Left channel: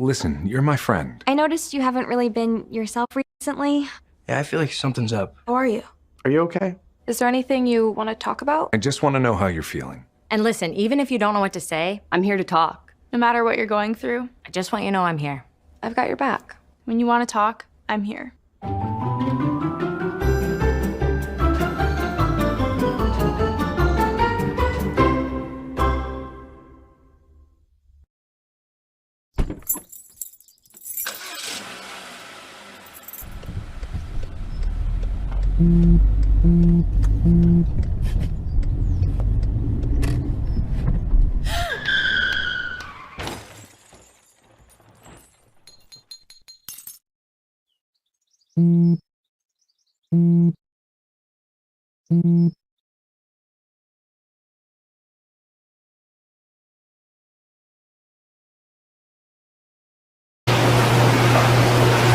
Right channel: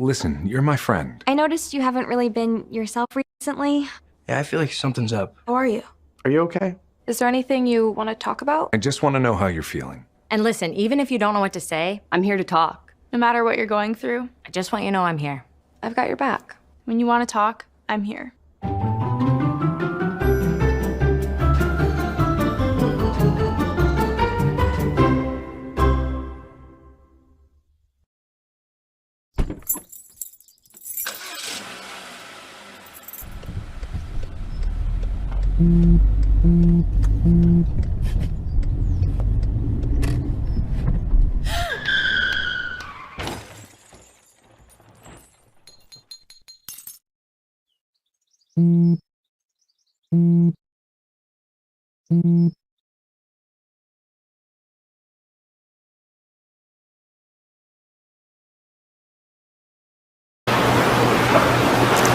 listen, you're my friend. I noticed you haven't really been yourself recently. Yeah, I feel like something's up. How are you? Are you okay? Is there anything you want to talk about? I just want to know how you're feeling. And listen, even if you don't know what to say, I'm here to talk. No matter what you're going through, I just want you to know I'm here. I've got your back. When you want to talk, I'm here.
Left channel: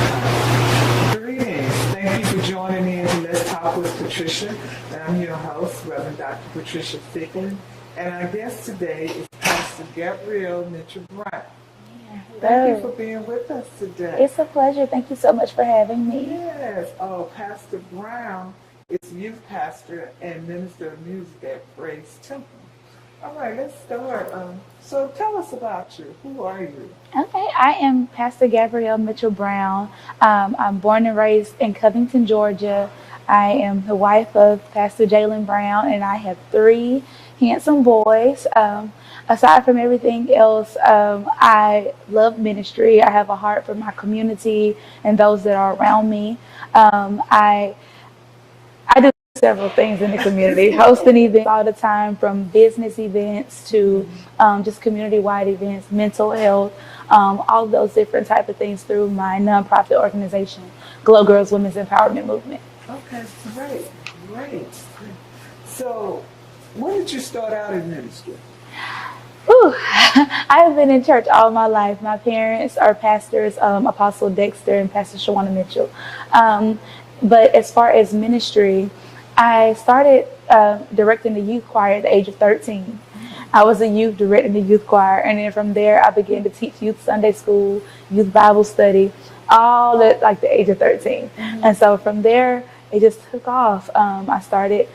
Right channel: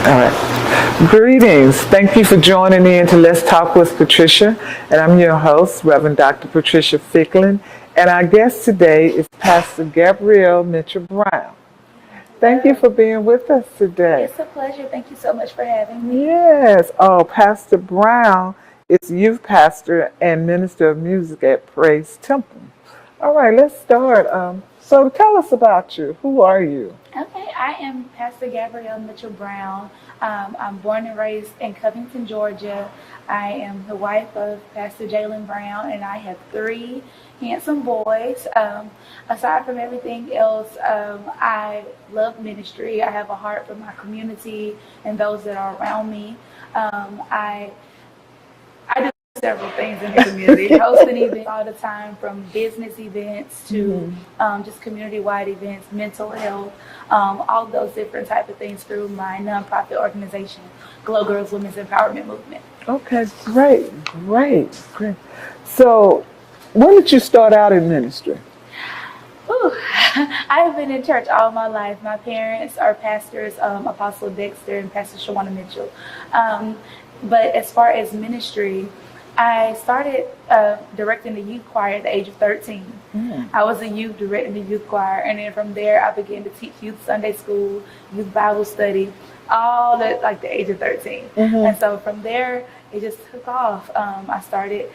All right. Greetings. Thank you for joining me into Let's Talk with Patricia. And I'm your host, Reverend Dr. Patricia Fickling. And our guest today is Pastor Gabrielle Mitchell-Brown. Thank you for being with us today. It's a pleasure. Thank you so much for having me. Yes. Oh, Pastor Brown is youth pastor and minister of music at Praise Temple. All right, let's start. So tell us about you. Who are you? Okay, I am Pastor Gabrielle Mitchell-Brown. I'm born and raised in Covington, Georgia. I am the wife of Pastor Jaalen Brown, and I have 3 handsome boys. Aside from everything else, I love ministry. I have a heart for my community and those that are around me. I do several things in the community, hosting events all the time, from business events to just community-wide events, mental health, all those different type of things through my nonprofit organization, Glow Girls Women's Empowerment Movement. Okay, great. So, when did you start out in ministry? I have been in church all my life. My parents are pastors, Apostle Dexter and Pastor Shawanna Mitchell. But as far as ministry, I started directing the youth choir at the age of 13. I was a youth directing the youth choir, and then from there I began to teach youth Sunday school, youth Bible study, all at like the age of 13. And so from there, it just took off. I started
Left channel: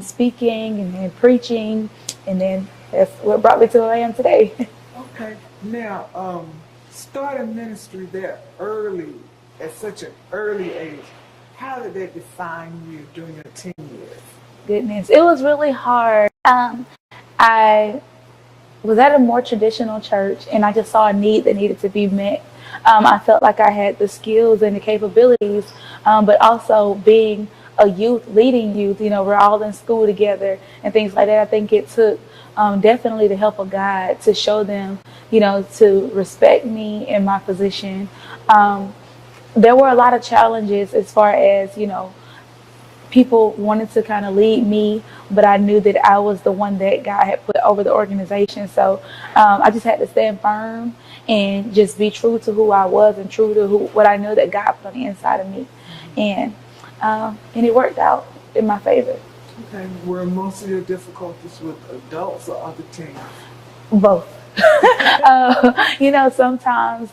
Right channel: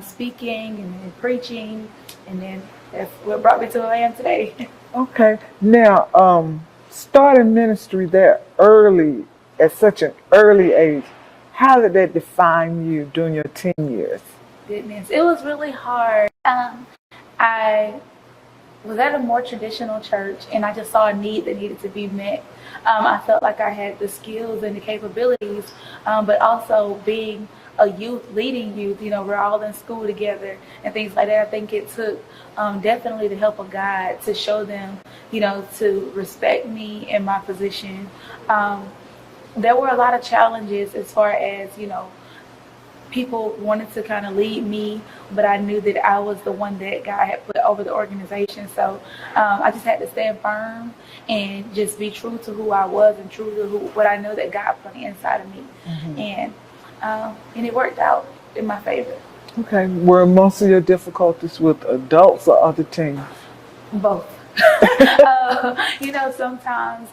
speaking and then preaching, and then that's what brought me to where I am today. Okay. Now, starting ministry there early, at such an early age, how did that define you during your teen years? Goodness, it was really hard. I was at a more traditional church, and I just saw a need that needed to be met. I felt like I had the skills and the capabilities, but also being a youth, leading youth, we're all in school together and things like that. I think it took definitely the help of God to show them, to respect me and my position. There were a lot of challenges as far as, people wanted to kind of lead me, but I knew that I was the one that God had put over the organization. So I just had to stand firm and just be true to who I was and true to what I know that God put on the inside of me. And it worked out in my favor. Okay. Were most of your difficulties with adults or other teens? Both. Sometimes,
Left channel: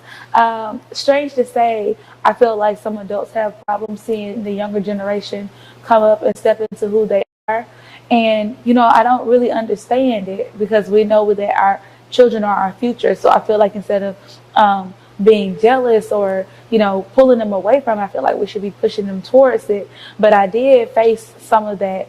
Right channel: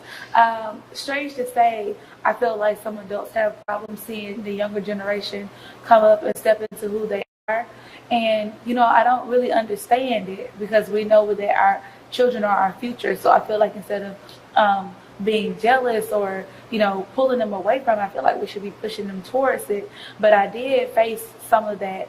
strange to say, I feel like some adults have problems seeing the younger generation come up and step into who they are. And, I don't really understand it, because we know that our children are our future. So I feel like instead of being jealous or, pulling them away from it, I feel like we should be pushing them towards it. But I did face some of that,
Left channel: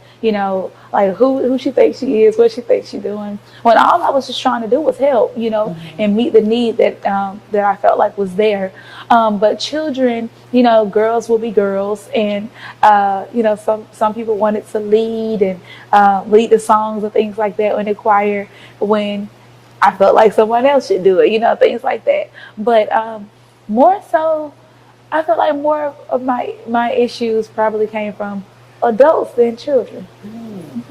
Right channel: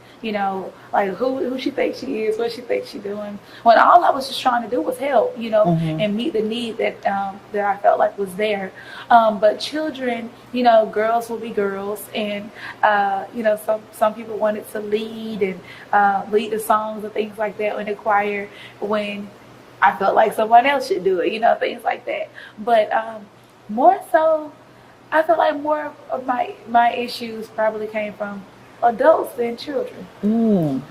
like who she thinks she is, what she thinks she's doing, when all I was just trying to do was help, and meet the need that that I felt like was there. But children, girls will be girls, and some people wanted to lead and lead the songs and things like that in the choir, when I felt like someone else should do it, things like that. But more so, I feel like more of my issues probably came from adults than children.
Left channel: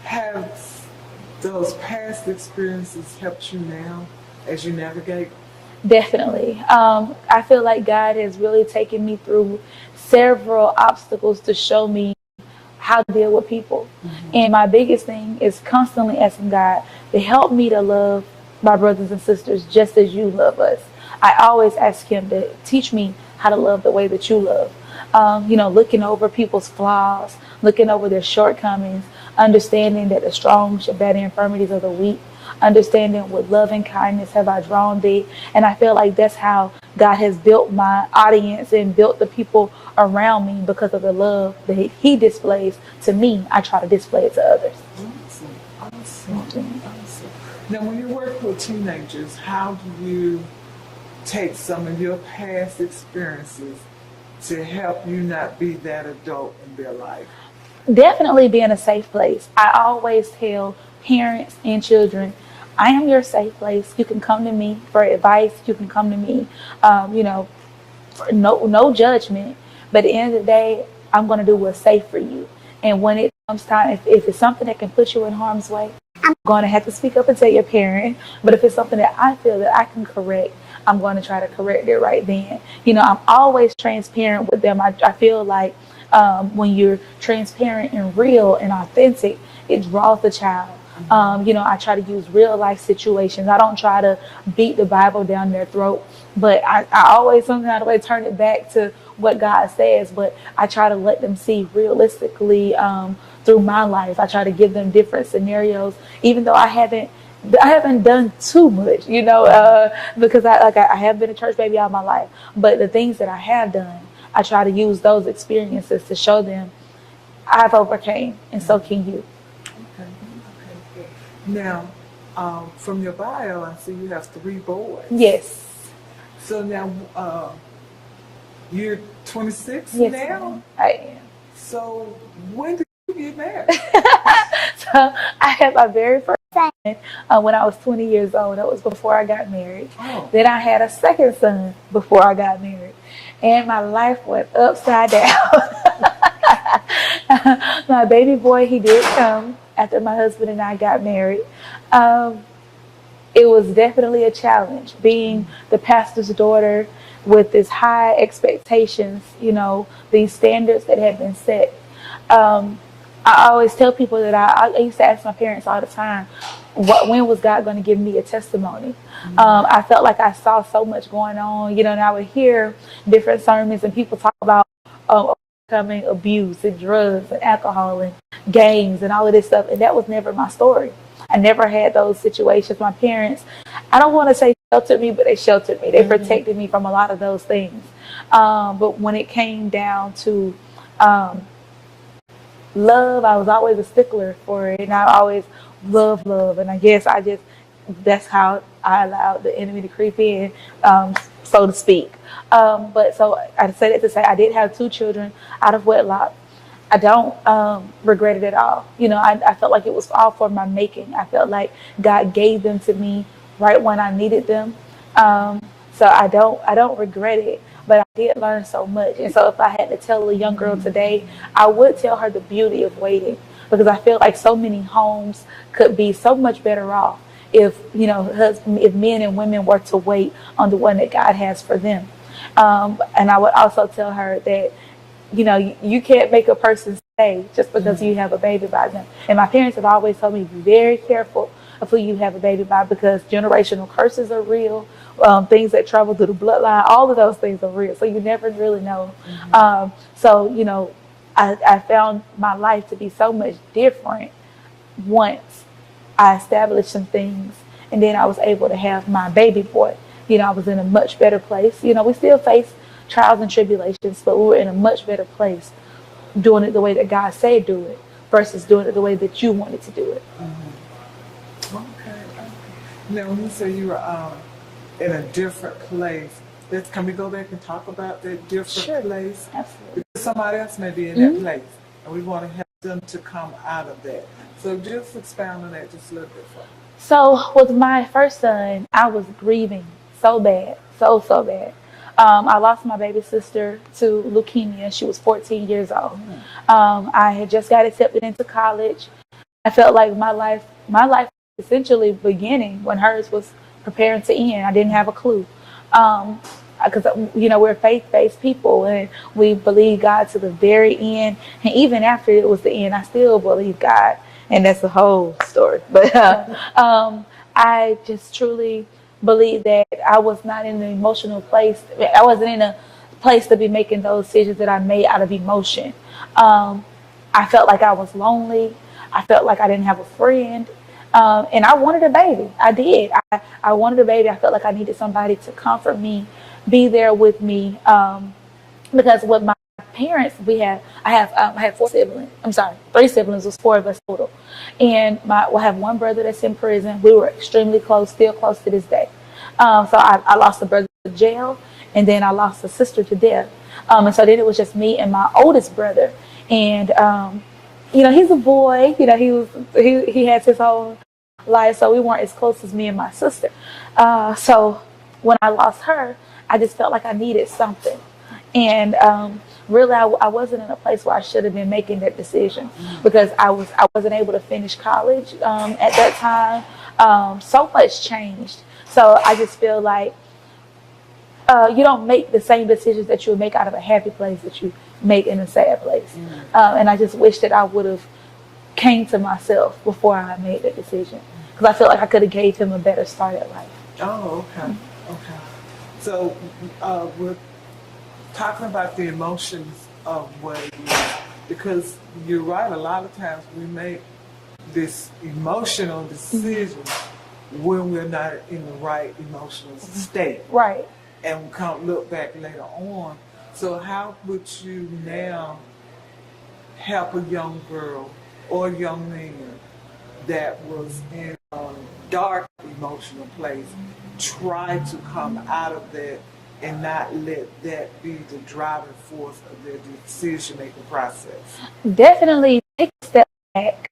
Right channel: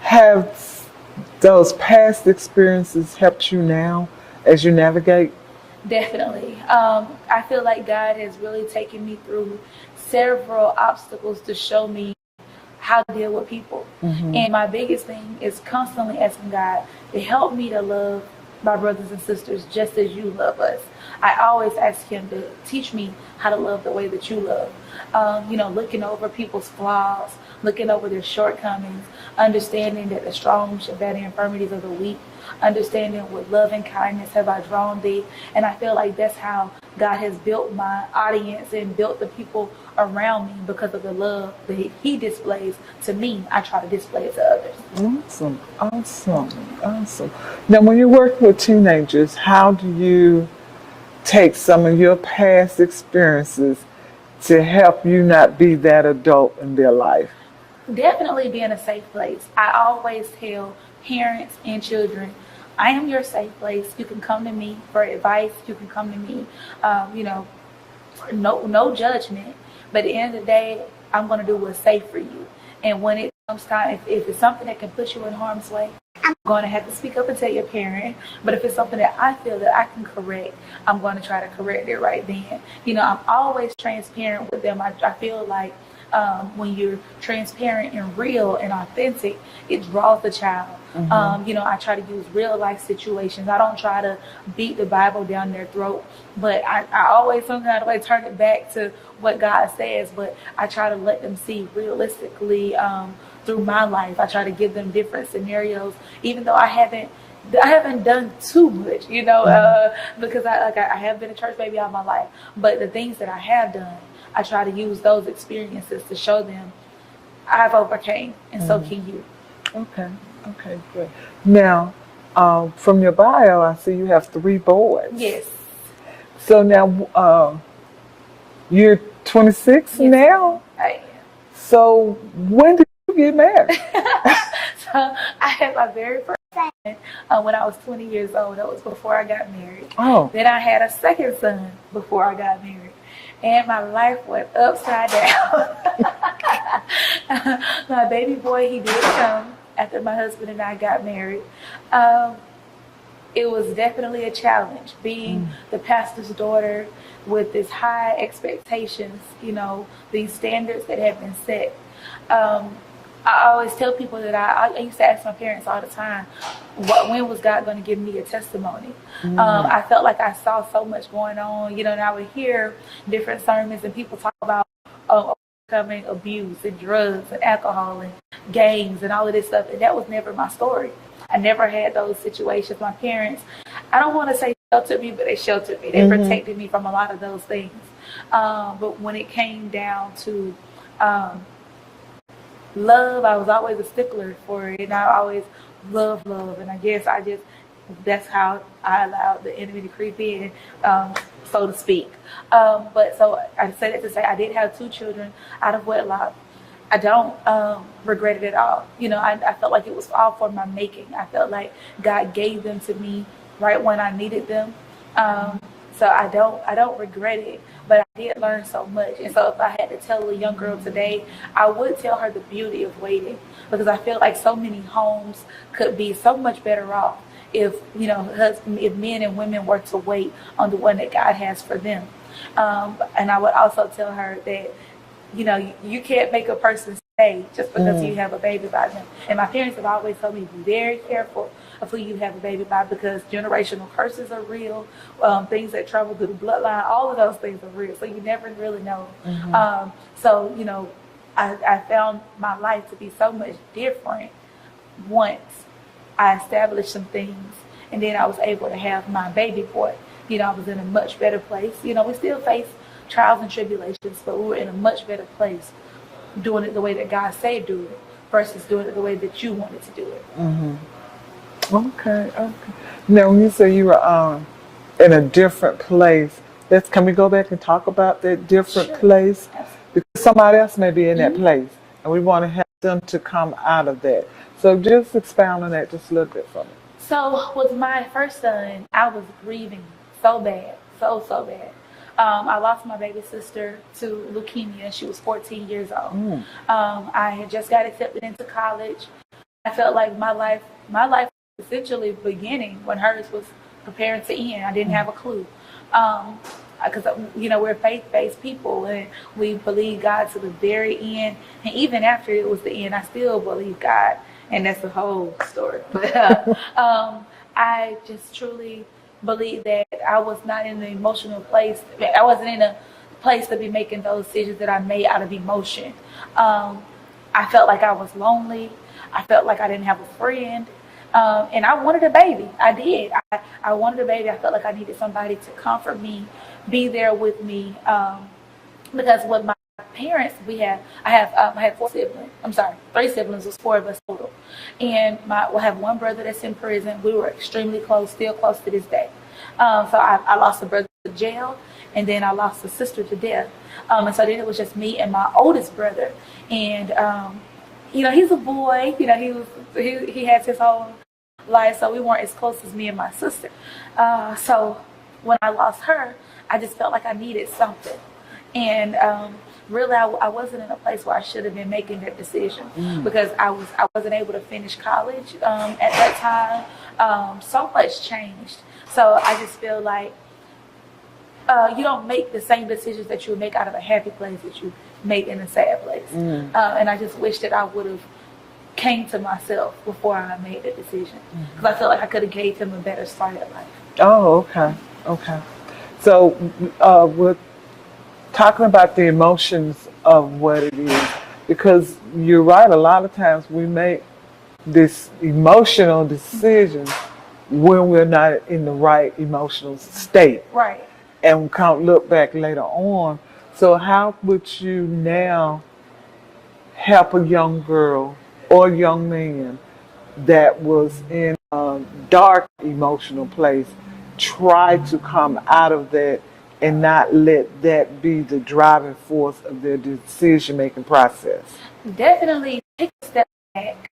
Have those past experiences helped you now as you navigate? Definitely. I feel like God has really taken me through several obstacles to show me how to deal with people. And my biggest thing is constantly asking God to help me to love my brothers and sisters just as you love us. I always ask him to teach me how to love the way that you love. Looking over people's flaws, looking over their shortcomings, understanding that the strong should bear the infirmities of the weak, understanding with love and kindness have I drawn thee. And I feel like that's how God has built my audience and built the people around me because of the love that he displays to me. I try to display it to others. Awesome. Now, when you work with teenagers, how do you take some of your past experiences to help you not be that adult in their life? Definitely being a safe place. I always tell parents and children, I am your safe place. You can come to me for advice. You can come to me, for no judgment. But at the end of the day, I'm going to do what's safe for you. And when it comes time, if it's something that can put you in harm's way, I'm going to have to speak up and tell your parent. But if it's something that I feel that I can correct, I'm going to try to correct it right then. I'm always transparent with them. I feel like when you're transparent and real and authentic, it draws the child. I try to use real life situations. I don't try to beat the Bible down their throat, but I always somehow turn it back to what God says. But I try to let them see realistically through my life. I try to give them different scenarios, even though I haven't done too much, because I have been a church baby all my life. But the things that I have done, I try to use those experiences to show them I've overcame, and so can you. Okay, good. Now, from your bio, I see you have 3 boys. Yes. So now, you're 26 Yes, now? I am. So when did you get married? So I had my very first son when I was 20 years old. That was before I got married. Oh. Then I had a second son before I got married. And my life went upside down. My baby boy, he did come after my husband and I got married. It was definitely a challenge being the pastor's daughter with this high expectations, these standards that have been set. I always tell people that I used to ask my parents all the time, when was God going to give me a testimony? I felt like I saw so much going on, and I would hear different sermons and people talk about overcoming abuse and drugs and alcohol and gangs and all of this stuff, and that was never my story. I never had those situations. My parents, I don't want to say sheltered me, but they sheltered me. They protected me from a lot of those things. But when it came down to love, I was always a stickler for it, and I always loved love. And I guess that's how I allowed the enemy to creep in, so to speak. But so I say that to say I did have 2 children out of wedlock. I don't regret it at all. I felt like it was all for my making. I felt like God gave them to me right when I needed them. So I don't regret it, but I did learn so much. And so if I had to tell a young girl today, I would tell her the beauty of waiting, because I feel like so many homes could be so much better off if if men and women were to wait on the one that God has for them. And I would also tell her that you can't make a person stay just because you have a baby by them. And my parents have always told me, be very careful of who you have a baby by, because generational curses are real. Things that travel through the bloodline, all of those things are real. So you never really know. I found my life to be so much different once I established some things, and then I was able to have my baby boy. I was in a much better place. We still face trials and tribulations, but we were in a much better place doing it the way that God said do it versus doing it the way that you wanted to do it. Okay. Now, when you say you were in a different place, can we go back and talk about that different place? Absolutely. Because somebody else may be in that place, and we want to help them to come out of that. So just expound on that just a little bit for me. So with my first son, I was grieving so bad, so bad. I lost my baby sister to leukemia. She was 14 years old. I had just got accepted into college. I felt like my life was essentially beginning when hers was preparing to end. I didn't have a clue. Because, we're faith-based people, and we believe God to the very end. And even after it was the end, I still believe God. And that's the whole story. But I just truly believe that I was not in an emotional place. I wasn't in a place to be making those decisions that I made out of emotion. I felt like I was lonely. I felt like I didn't have a friend. And I wanted a baby. I did. I wanted a baby. I felt like I needed somebody to comfort me, be there with me. Because with my parents, I had 4 siblings. I'm sorry, 3 siblings. It was 4 of us total. And I have one brother that's in prison. We were extremely close, still close to this day. So I lost a brother to jail, and then I lost a sister to death. And so then it was just me and my oldest brother. And he's a boy. He has his whole life, so we weren't as close as me and my sister. So when I lost her, I just felt like I needed something. And really, I wasn't in a place where I should have been making that decision because I wasn't able to finish college at that time. So much changed. So I just feel like you don't make the same decisions that you would make out of a happy place that you make in a sad place. And I just wish that I would have came to myself before I made that decision because I feel like I could have gave him a better start at life. Oh, okay. So we're talking about the emotions of what it is, because you're right, a lot of times we make this emotional decision when we're not in the right emotional state. Right. And we can't look back later on. So how would you now help a young girl or young man that was in a dark emotional place try to come out of that and not let that be the driving force of their decision-making process? Definitely take a step back.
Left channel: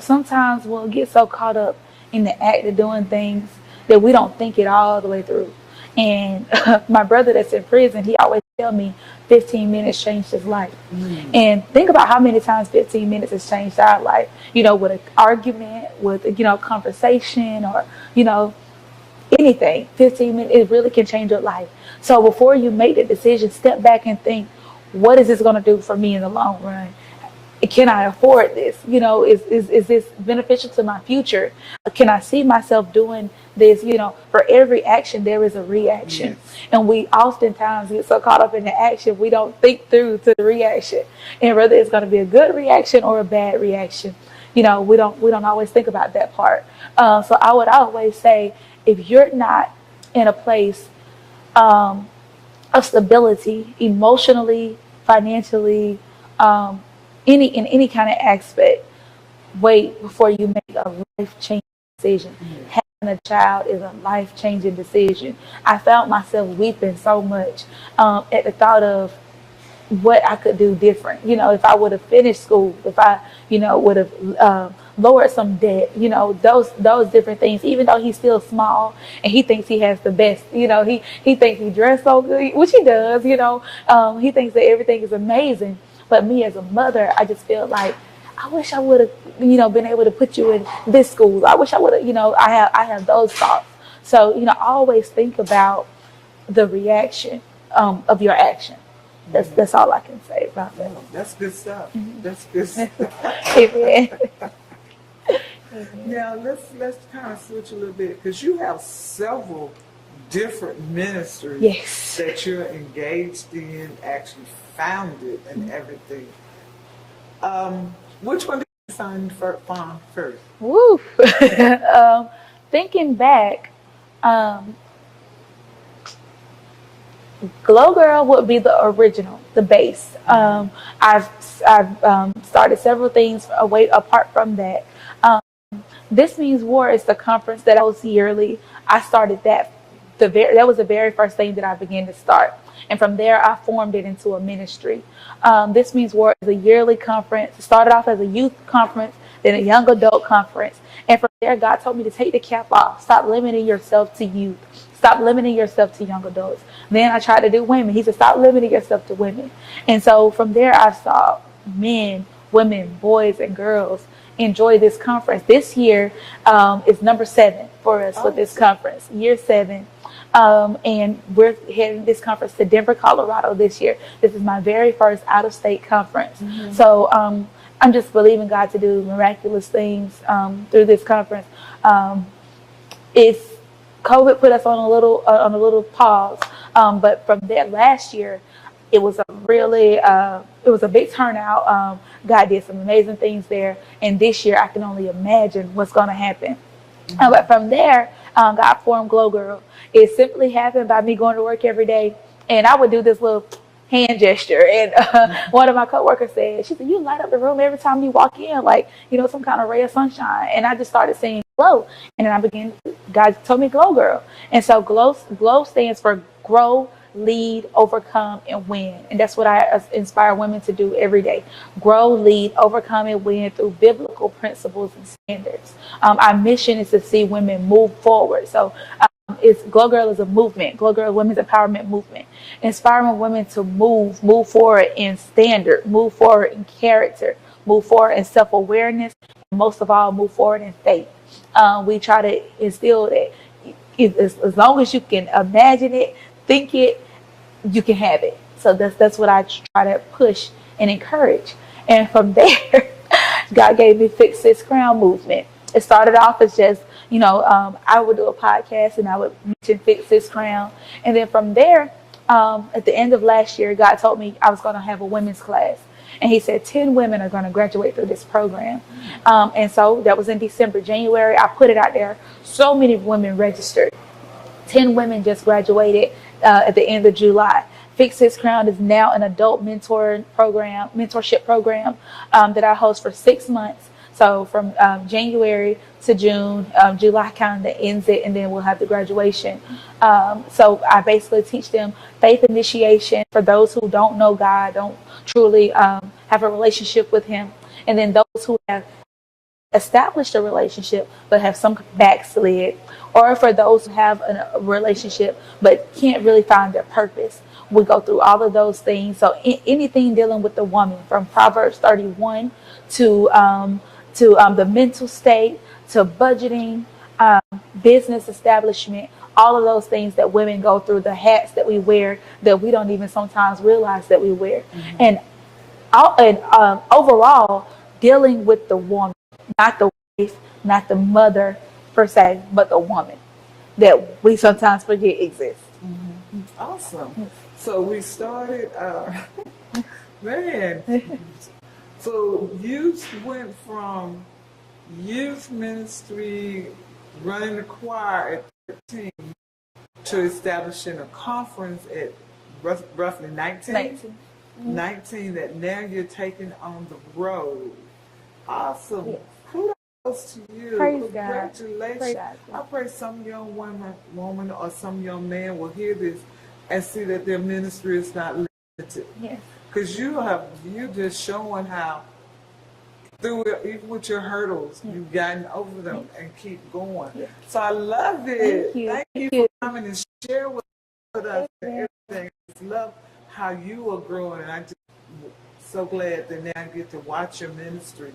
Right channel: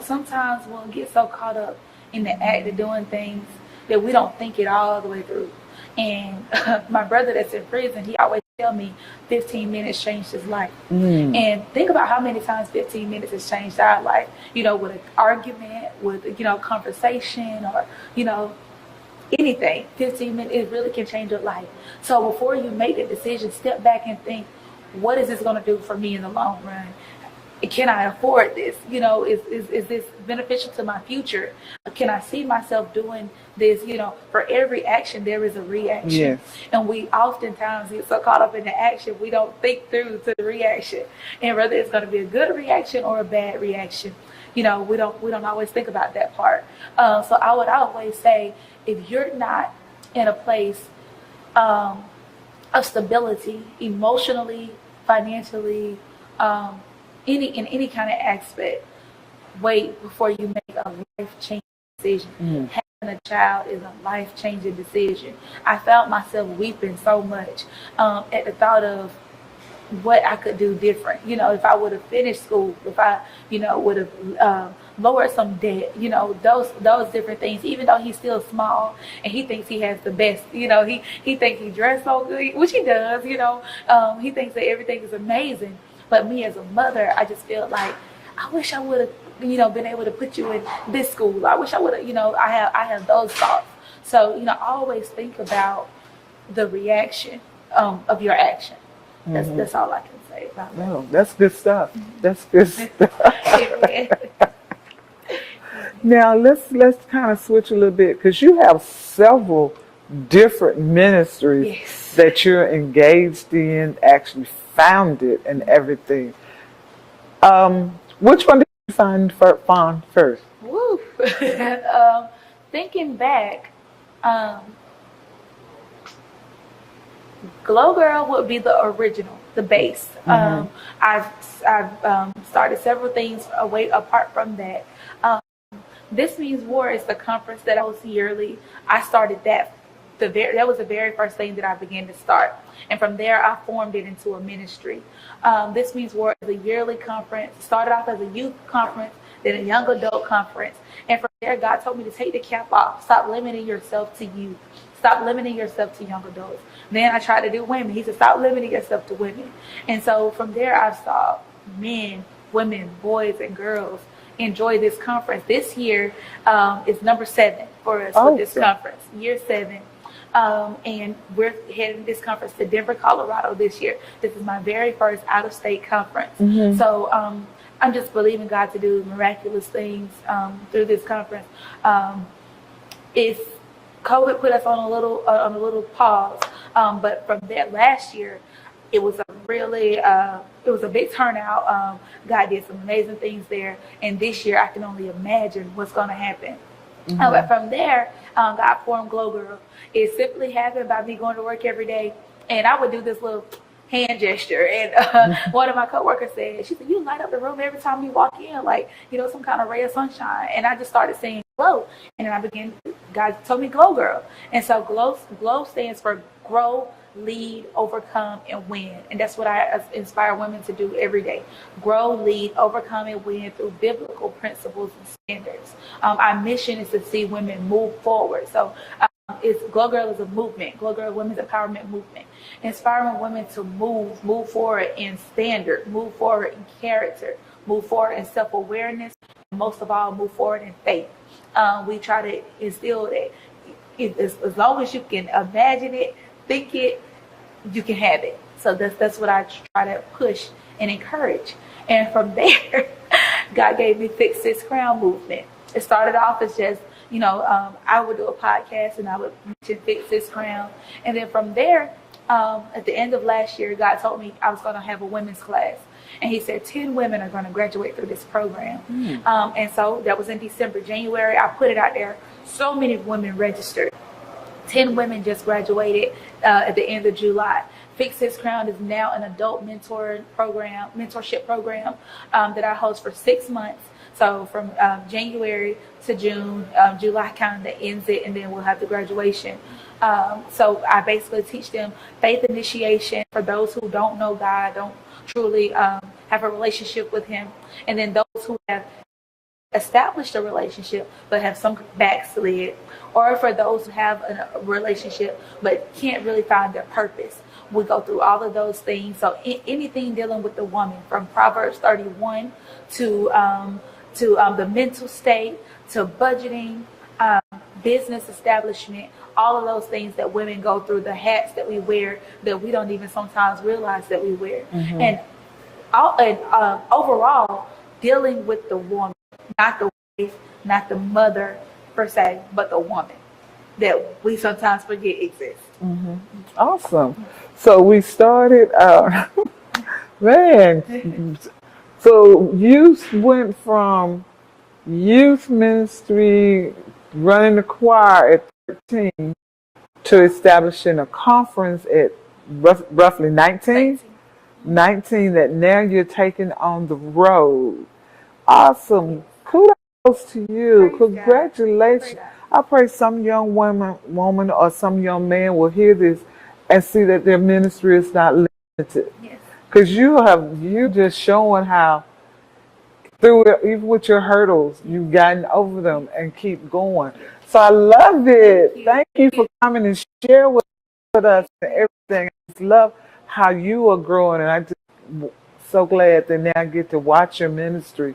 Sometimes we'll get so caught up in the act of doing things that we don't think it all the way through. And my brother that's in prison, he always tell me 15 minutes changed his life. And think about how many times 15 minutes has changed our life, with an argument, with, conversation or, anything. 15 minutes, it really can change your life. So before you make the decision, step back and think, what is this going to do for me in the long run? Can I afford this? Is this beneficial to my future? Can I see myself doing this? For every action, there is a reaction. Yes. And we oftentimes get so caught up in the action, we don't think through to the reaction. And whether it's going to be a good reaction or a bad reaction, we don't always think about that part. So I would always say, if you're not in a place of stability, emotionally, financially, in any kind of aspect, wait before you make a life-changing decision. Having a child is a life-changing decision. I found myself weeping so much at the thought of what I could do different. If I would have finished school, if I, would have lowered some debt, those different things. Even though he's still small and he thinks he has the best, he thinks he dressed so good, which he does. He thinks that everything is amazing. But me as a mother, I just feel like I wish I would have, been able to put you in this school. I wish I would have, I have those thoughts. So, always think about the reaction of your action. That's all I can say about that. Oh, that's good stuff. That's good stuff. Now let's kind of switch a little bit, because you have several different ministries that you're engaged in, actually founded and everything. Which one did you find first? Woo. Thinking back, Glow Girl would be the original, the base. I've started several things apart from that. This Means War is the conference that I host yearly. I started that. That was the very first thing that I began to start. And from there, I formed it into a ministry. This Means War is a yearly conference. It started off as a youth conference, then a young adult conference. And from there, God told me to take the cap off. Stop limiting yourself to youth. Stop limiting yourself to young adults. Then I tried to do women. He said, stop limiting yourself to women. And so from there, I saw men, women, boys, and girls enjoy this conference. This year is number 7 for us with this conference, year 7. And we're heading this conference to Denver, Colorado this year. This is my very first out-of-state conference. So I'm just believing God to do miraculous things through this conference. It's COVID put us on a little pause. But from that last year, it was a big turnout. God did some amazing things there, and this year I can only imagine what's going to happen. But from there, God formed Glow Girl. It simply happened by me going to work every day, and I would do this little hand gesture, and one of my coworkers said, she said, "You light up the room every time you walk in, like, you know, some kind of ray of sunshine." And I just started saying glow, and then God told me Glow Girl. And so glow stands for grow, lead, overcome, and win. And that's what I inspire women to do every day. Grow, lead, overcome, and win through biblical principles and standards. Our mission is to see women move forward. So Glow Girl is a movement. Glow Girl Women's Empowerment Movement. Inspiring women to move forward in standard, move forward in character, move forward in self-awareness, and most of all, move forward in faith. We try to instill that as long as you can imagine it, think it, you can have it. So that's what I try to push and encourage. And from there, God gave me Fix This Crown movement. It started off as just, you know, I would do a podcast and I would mention Fix This Crown. And then from there, at the end of last year, God told me I was going to have a women's class. And he said 10 women are going to graduate through this program. And so that was in December. January, I put it out there. So many women registered. 10 women just graduated at the end of July. Fix This Crown is now an adult mentorship program that I host for 6 months. So from January to June, July kind of ends it, and then we'll have the graduation. So I basically teach them faith initiation for those who don't know God, don't truly have a relationship with Him. And then those who have established a relationship but have some backslid, or for those who have a relationship but can't really find their purpose. We go through all of those things. So anything dealing with the woman, from Proverbs 31 to the mental state, to budgeting, business establishment, all of those things that women go through, the hats that we wear that we don't even sometimes realize that we wear. And overall, dealing with the woman, not the wife, not the mother per se, but the woman that we sometimes forget exists. Awesome. So we started man. So you went from youth ministry, running the choir at 13, to establishing a conference at roughly 19? 19, that now you're taking on the road. Awesome. Kudos to you. Praise Congratulations. God. I pray some young woman or some young man will hear this and see that their ministry is not limited. Yes. Because you just showing how through it, even with your hurdles, you've gotten over them and keep going. So I love it. Thank you for coming and share with us and everything. I just love how you are growing, and I'm just so glad that now I get to watch your ministry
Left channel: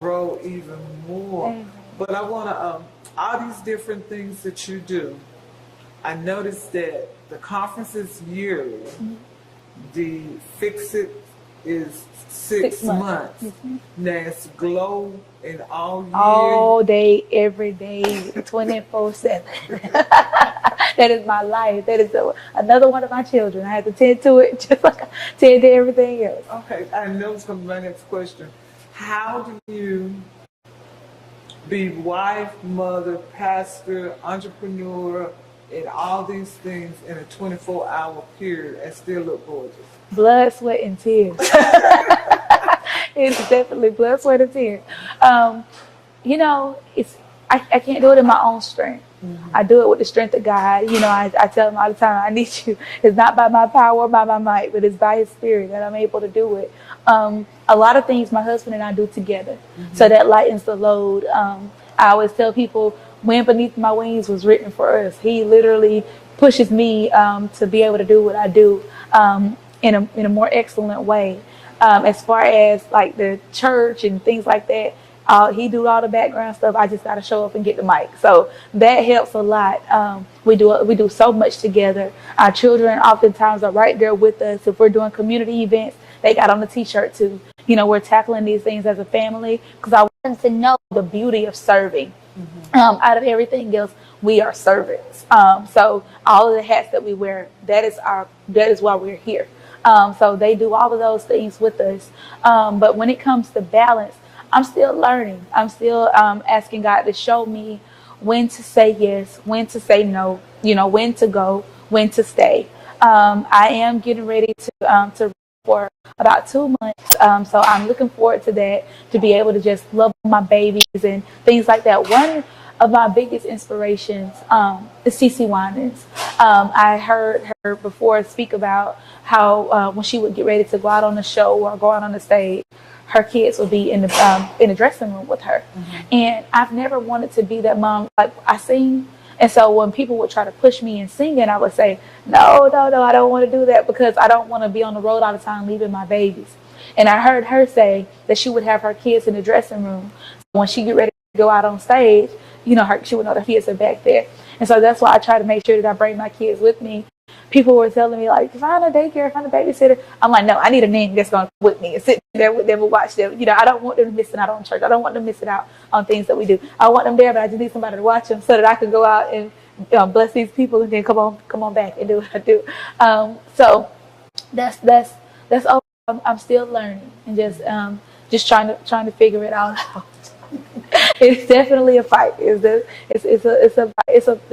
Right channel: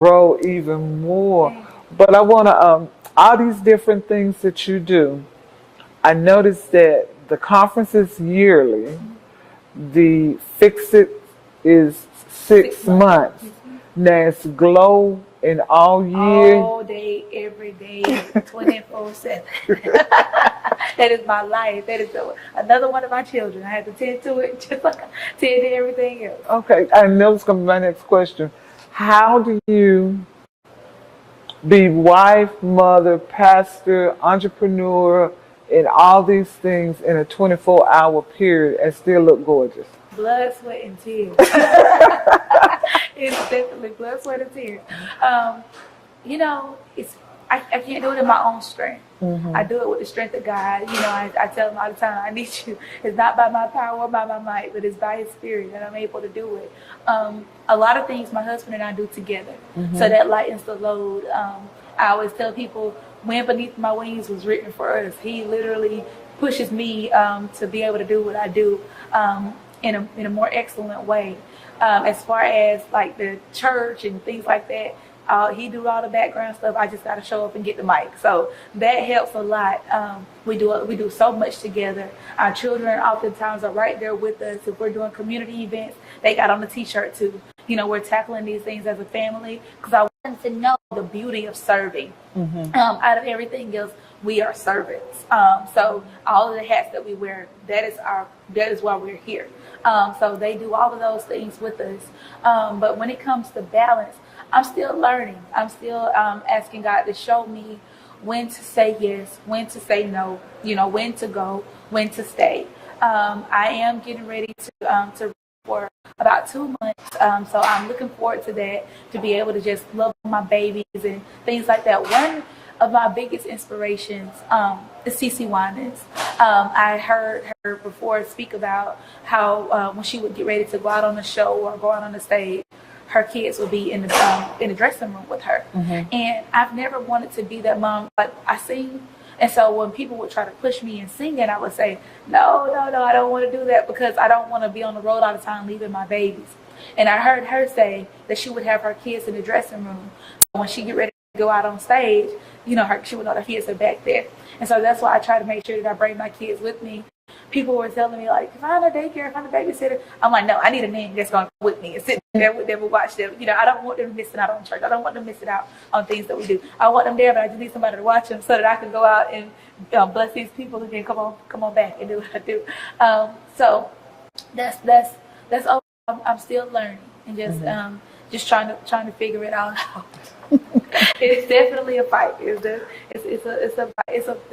grow even more. But I want to, all these different things that you do, I noticed that the conference is yearly. The Fix It is 6 months. Now it's Glow in all year. All day, every day, 24/7. That is my life. That is another one of my children. I have to tend to it just like I tend to everything else. Okay, I know it's going to be my next question. How do you be wife, mother, pastor, entrepreneur, and all these things in a 24-hour period and still look gorgeous? Blood, sweat, and tears. It's definitely blood, sweat, and tears. You know, I can't do it in my own strength. I do it with the strength of God. You know, I tell him all the time, I need you. It's not by my power or by my might, but it's by His Spirit that I'm able to do it. A lot of things my husband and I do together, so that lightens the load. I always tell people, Wind Beneath My Wings was written for us. He literally pushes me to be able to do what I do in a more excellent way. As far as like the church and things like that, he do all the background stuff. I just got to show up and get the mic. So that helps a lot. We do so much together. Our children oftentimes are right there with us. If we're doing community events, they got on the T-shirt too. You know, we're tackling these things as a family because I want them to know the beauty of serving. Out of everything else, we are servants. So all of the hats that we wear, that is why we're here. So they do all of those things with us. But when it comes to balance, I'm still learning. I'm still asking God to show me when to say yes, when to say no, when to go, when to stay. I am getting ready to for about 2 months. So I'm looking forward to that, to be able to just love my babies and things like that. One of my biggest inspirations is Shawanna. I heard her before speak about how when she would get ready to go out on the show or go out on the stage, her kids would be in the dressing room with her. And I've never wanted to be that mom. Like, I sing, and so when people would try to push me in singing, I would say, no, I don't want to do that, because I don't want to be on the road all the time leaving my babies. And I heard her say that she would have her kids in the dressing room. When she get ready to go out on stage, she would know the kids are back there. And so that's why I try to make sure that I bring my kids with me. People were telling me, like, find a daycare, find a babysitter. I'm like, no, I need a nanny that's going to come with me and sit there with them and watch them. I don't want them missing out on church. I don't want them missing out on things that we do. I want them there, but I just need somebody to watch them so that I can go out and bless these people and then come on back and do what I do. So that's all. I'm still learning and just trying to figure it all out. It's definitely a fight. It's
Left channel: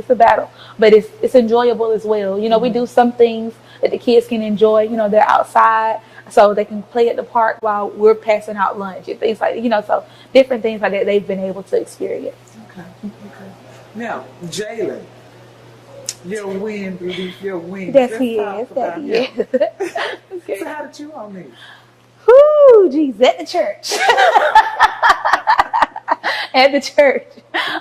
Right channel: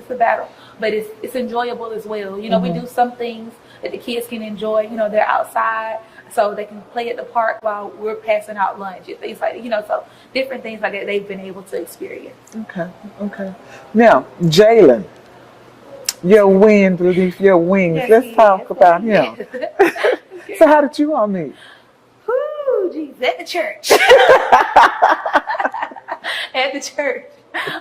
a battle, but it's enjoyable as well. We do some things that the kids can enjoy. They're outside, so they can play at the park while we're passing out lunch and things like so different things like that they've been able to experience. Okay. Now, Jaalen, your wind beneath your wings. Yes, Let's talk about him. Okay. So how did you all meet? Whoo, geez, at the church. At the church.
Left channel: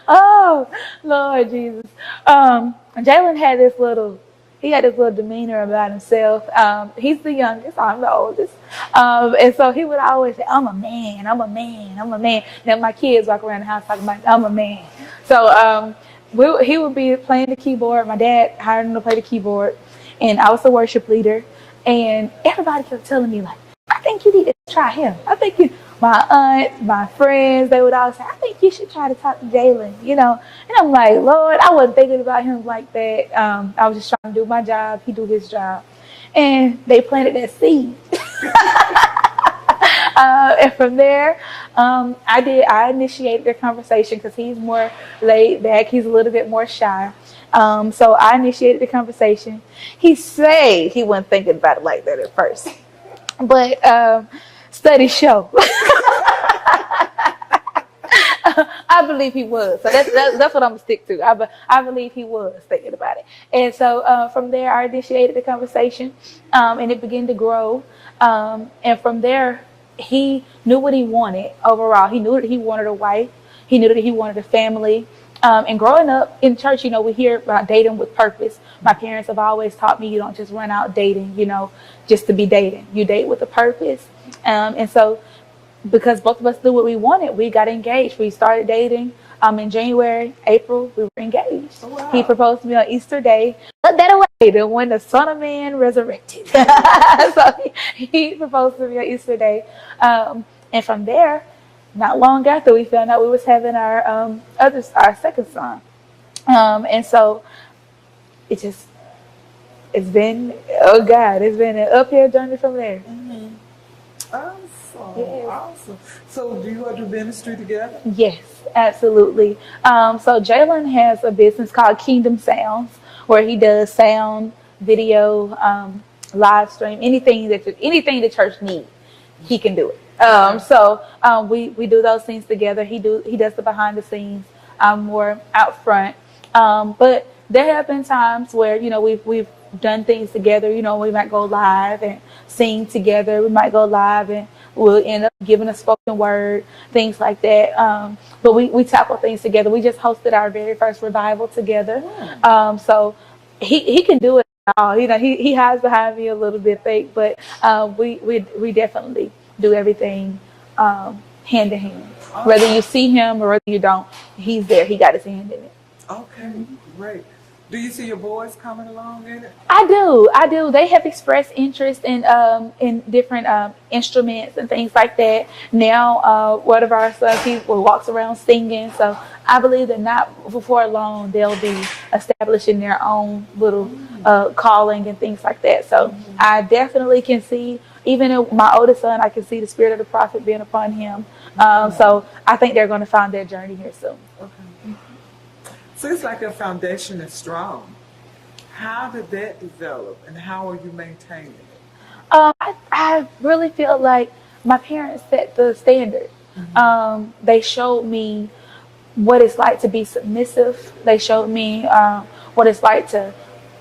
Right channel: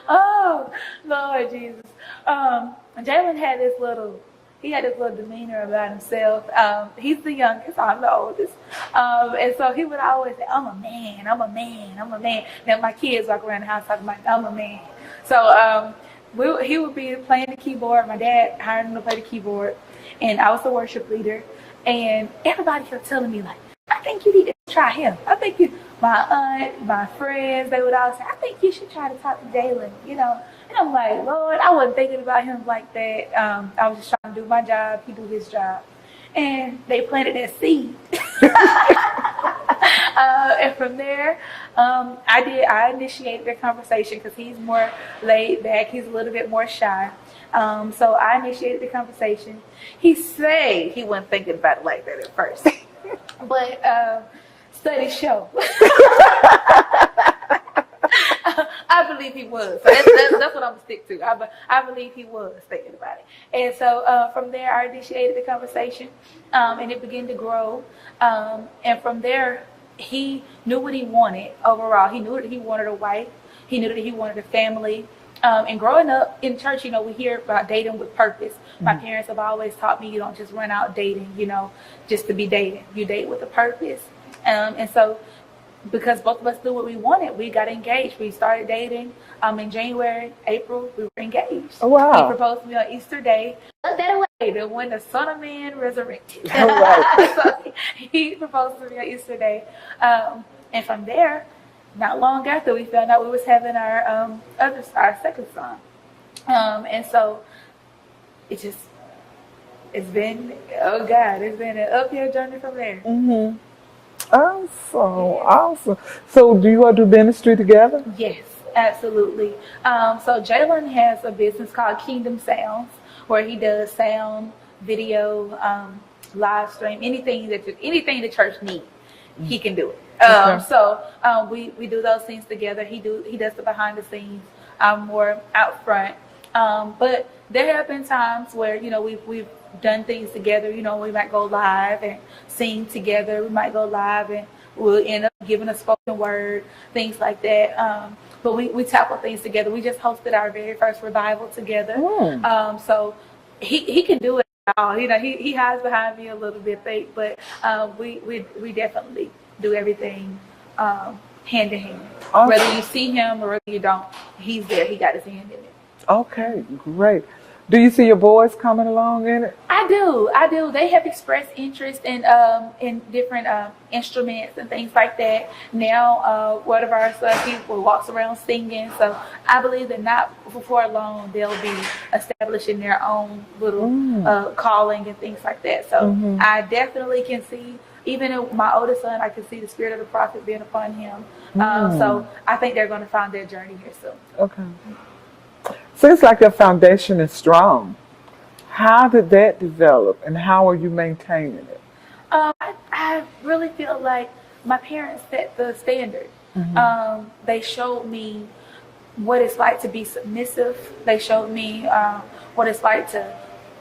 Oh, Lord Jesus. Jaalen had this little demeanor about himself. He's the youngest, I'm the oldest. And so he would always say, I'm a man. Now my kids walk around the house talking about, I'm a man. So he would be playing the keyboard. My dad hired him to play the keyboard, and I was the worship leader. And everybody kept telling me, like, I think you need to try him. My aunt, my friends, they would all say, I think you should try to talk to Jaalen, And I'm like, Lord, I wasn't thinking about him like that. I was just trying to do my job. He do his job. And they planted that seed. And from there, I initiated the conversation because he's more laid back. He's a little bit more shy. So I initiated the conversation. He said he wasn't thinking about it like that at first. But studies show. I believe he was. So that's what I'm going to stick to. I believe he was thinking about it. And so from there, I initiated the conversation, and it began to grow. And from there, he knew what he wanted overall. He knew that he wanted a wife. He knew that he wanted a family. And growing up in church, we hear about dating with purpose. My parents have always taught me you don't just run out dating, just to be dating. You date with a purpose. And so because both of us knew what we wanted, we got engaged. We started dating in January, April, we were engaged. Oh, wow. He proposed to me on Easter Day. But that away, then when the Son of Man resurrected. Oh, wow. So he proposed to me on Easter Day. And from there, not long after, we found out we was having our second son. And so it's been an uphill journey from there. Mm-hmm. Awesome. So do you all do ministry together? Yes, absolutely. So Jaalen has a business called Kingdom Sounds, where he does sound, video, live stream, anything the church needs, he can do it. So we do those things together. He does the behind the scenes. I'm more out front. But there have been times where we've done things together. We might go live and sing together. We might go live and we'll end up giving a spoken word, things like that. But we tackle things together. We just hosted our very first revival together. So he can do it all. He hides behind me a little bit fake, but we definitely do everything hand to hand. Awesome. Whether you see him or whether you don't, he's there. He got his hand in it. Okay, great. Do you see your boys coming along in it? I do. They have expressed interest in different instruments and things like that. Now, one of our people walks around singing. So I believe that not before long they'll be establishing their own little calling and things like that. So I definitely can see, even in my oldest son, I can see the spirit of the prophet being upon him. So I think they're going to find their journey here soon. Okay. Seems like your foundation is strong. How did that develop, and how are you maintaining it? I really feel like my parents set the standard. They showed me what it's like to be submissive. They showed me what it's like to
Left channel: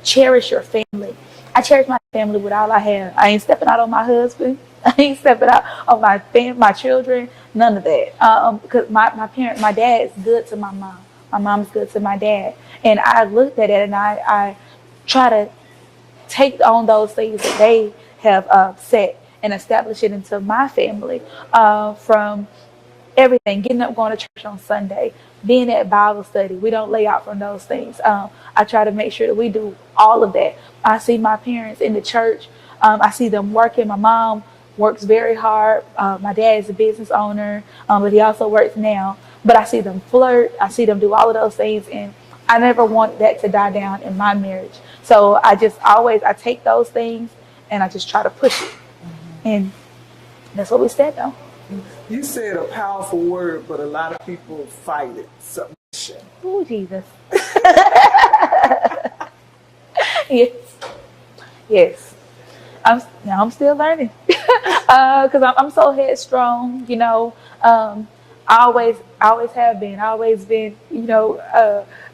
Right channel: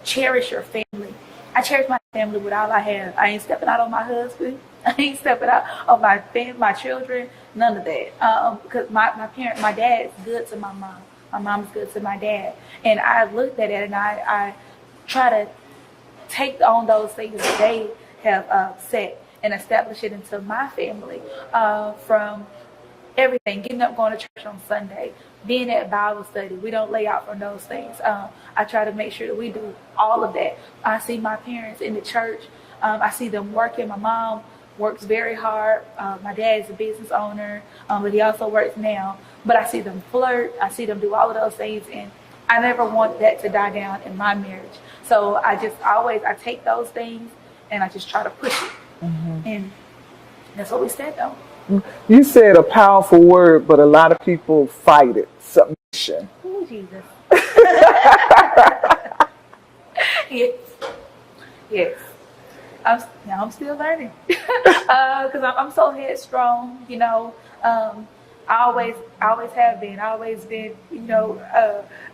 cherish your family. I cherish my family with all I have. I ain't stepping out on my husband. I ain't stepping out on my children. None of that. Because my dad's good to my mom. My mom's good to my dad. And I looked at it and I try to take on those things that they have set and establish it into my family. From everything, getting up, going to church on Sunday, being at Bible study. We don't lay out from those things. I try to make sure that we do all of that. I see my parents in the church. I see them working. My mom works very hard. My dad is a business owner, but he also works now. But I see them flirt. I see them do all of those things, and I never want that to die down in my marriage. So I take those things and I just try to push it. And that's what we stand on. You said a powerful word, but a lot of people fight it. Submission. Oh, Jesus. Yes. I'm still learning. Because I'm so headstrong, you know. I always have been. I always been, you know,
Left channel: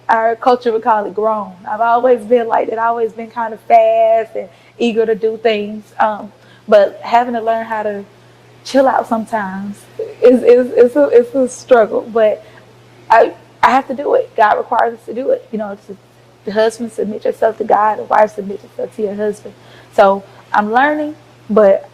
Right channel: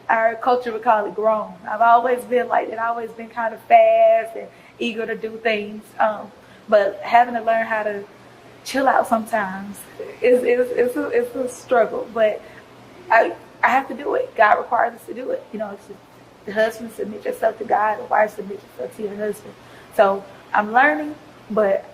our culture would call it grown. I've always been like that. I've always been kind of fast and eager to do things. But having to learn how to chill out sometimes is a struggle. But I have to do it. God requires us to do it. You know, it's just, the husband, submit yourself to God. The wife, submit yourself to your husband. So I'm learning, but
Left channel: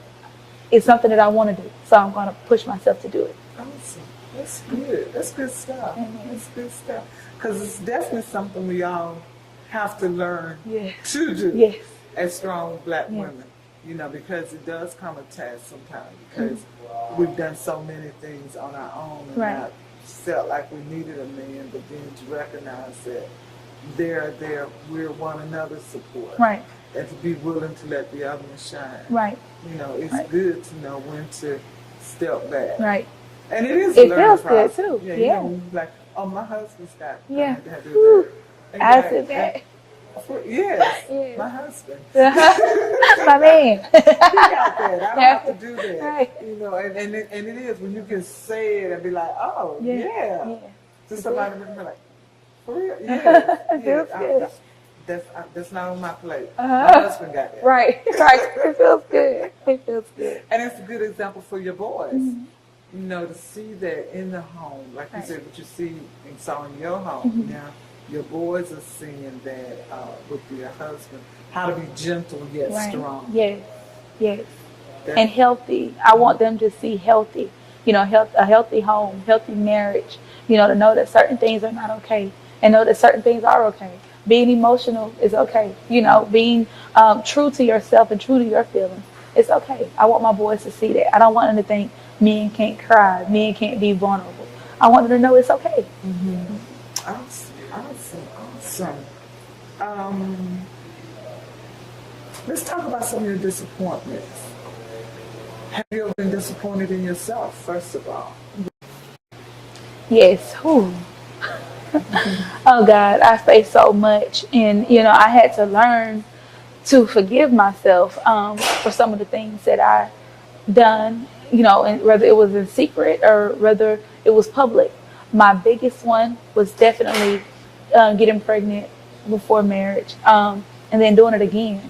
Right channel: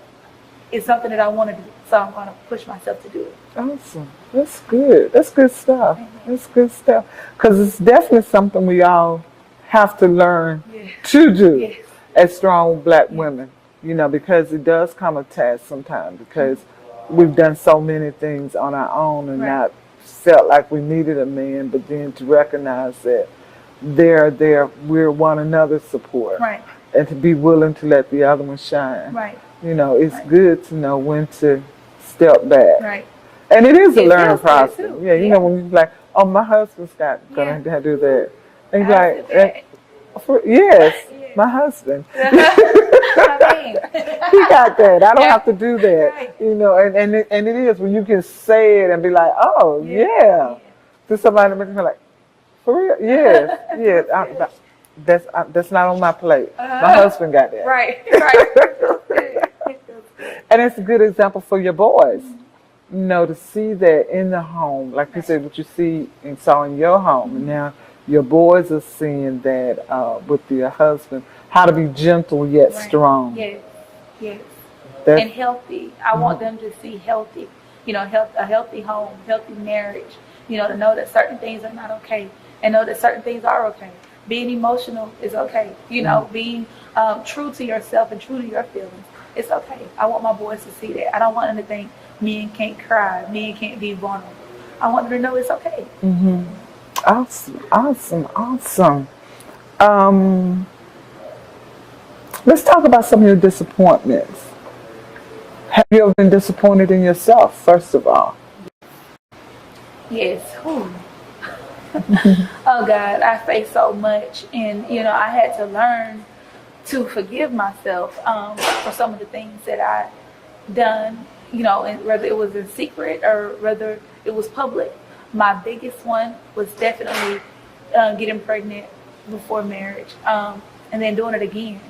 it's something that I want to do. So I'm going to push myself to do it. Awesome. That's good. That's good stuff. That's good stuff. Because it's definitely something we all have to learn to do as strong black women. You know, because it does come a task sometimes, because we've done so many things on our own and not felt like we needed a man, but then to recognize that we're one another's support. Right. And to be willing to let the other one shine. Right. You know, it's good to know when to step back. Right. And it is a learning feels good, process. too. Yeah, you know, when you're like, oh, my husband's got going to do that. And you're like, yes, my husband. I mean, he got that. I don't have to do that. Right. You know, and it is when you can say it and be like, oh, to somebody that be like, for real? Yeah. That's not on my plate. My husband got that. Right. It feels good. It feels good. And it's a good example for your boys. You know, to see that in the home, like you said, what you see and saw in your home. And now your boys are seeing that with your husband, how to be gentle yet strong. Yes. And healthy. I want them to see healthy. You know, a healthy home, healthy marriage. You know, to know that certain things are not okay, and know that certain things are okay. Being emotional is okay. You know, being true to yourself and true to your feelings, it's okay. I want my boys to see that. I don't want them to think men can't cry, men can't be vulnerable. I want them to know it's okay. Awesome. Let's talk about some of your disappointments. Have you ever been disappointed in yourself, first of all? Yes. Oh God, I faced so much, and you know, I had to learn to forgive myself for some of the things that I done. You know, and whether it was in secret or whether it was public. My biggest one was definitely getting pregnant before marriage, and then doing it again.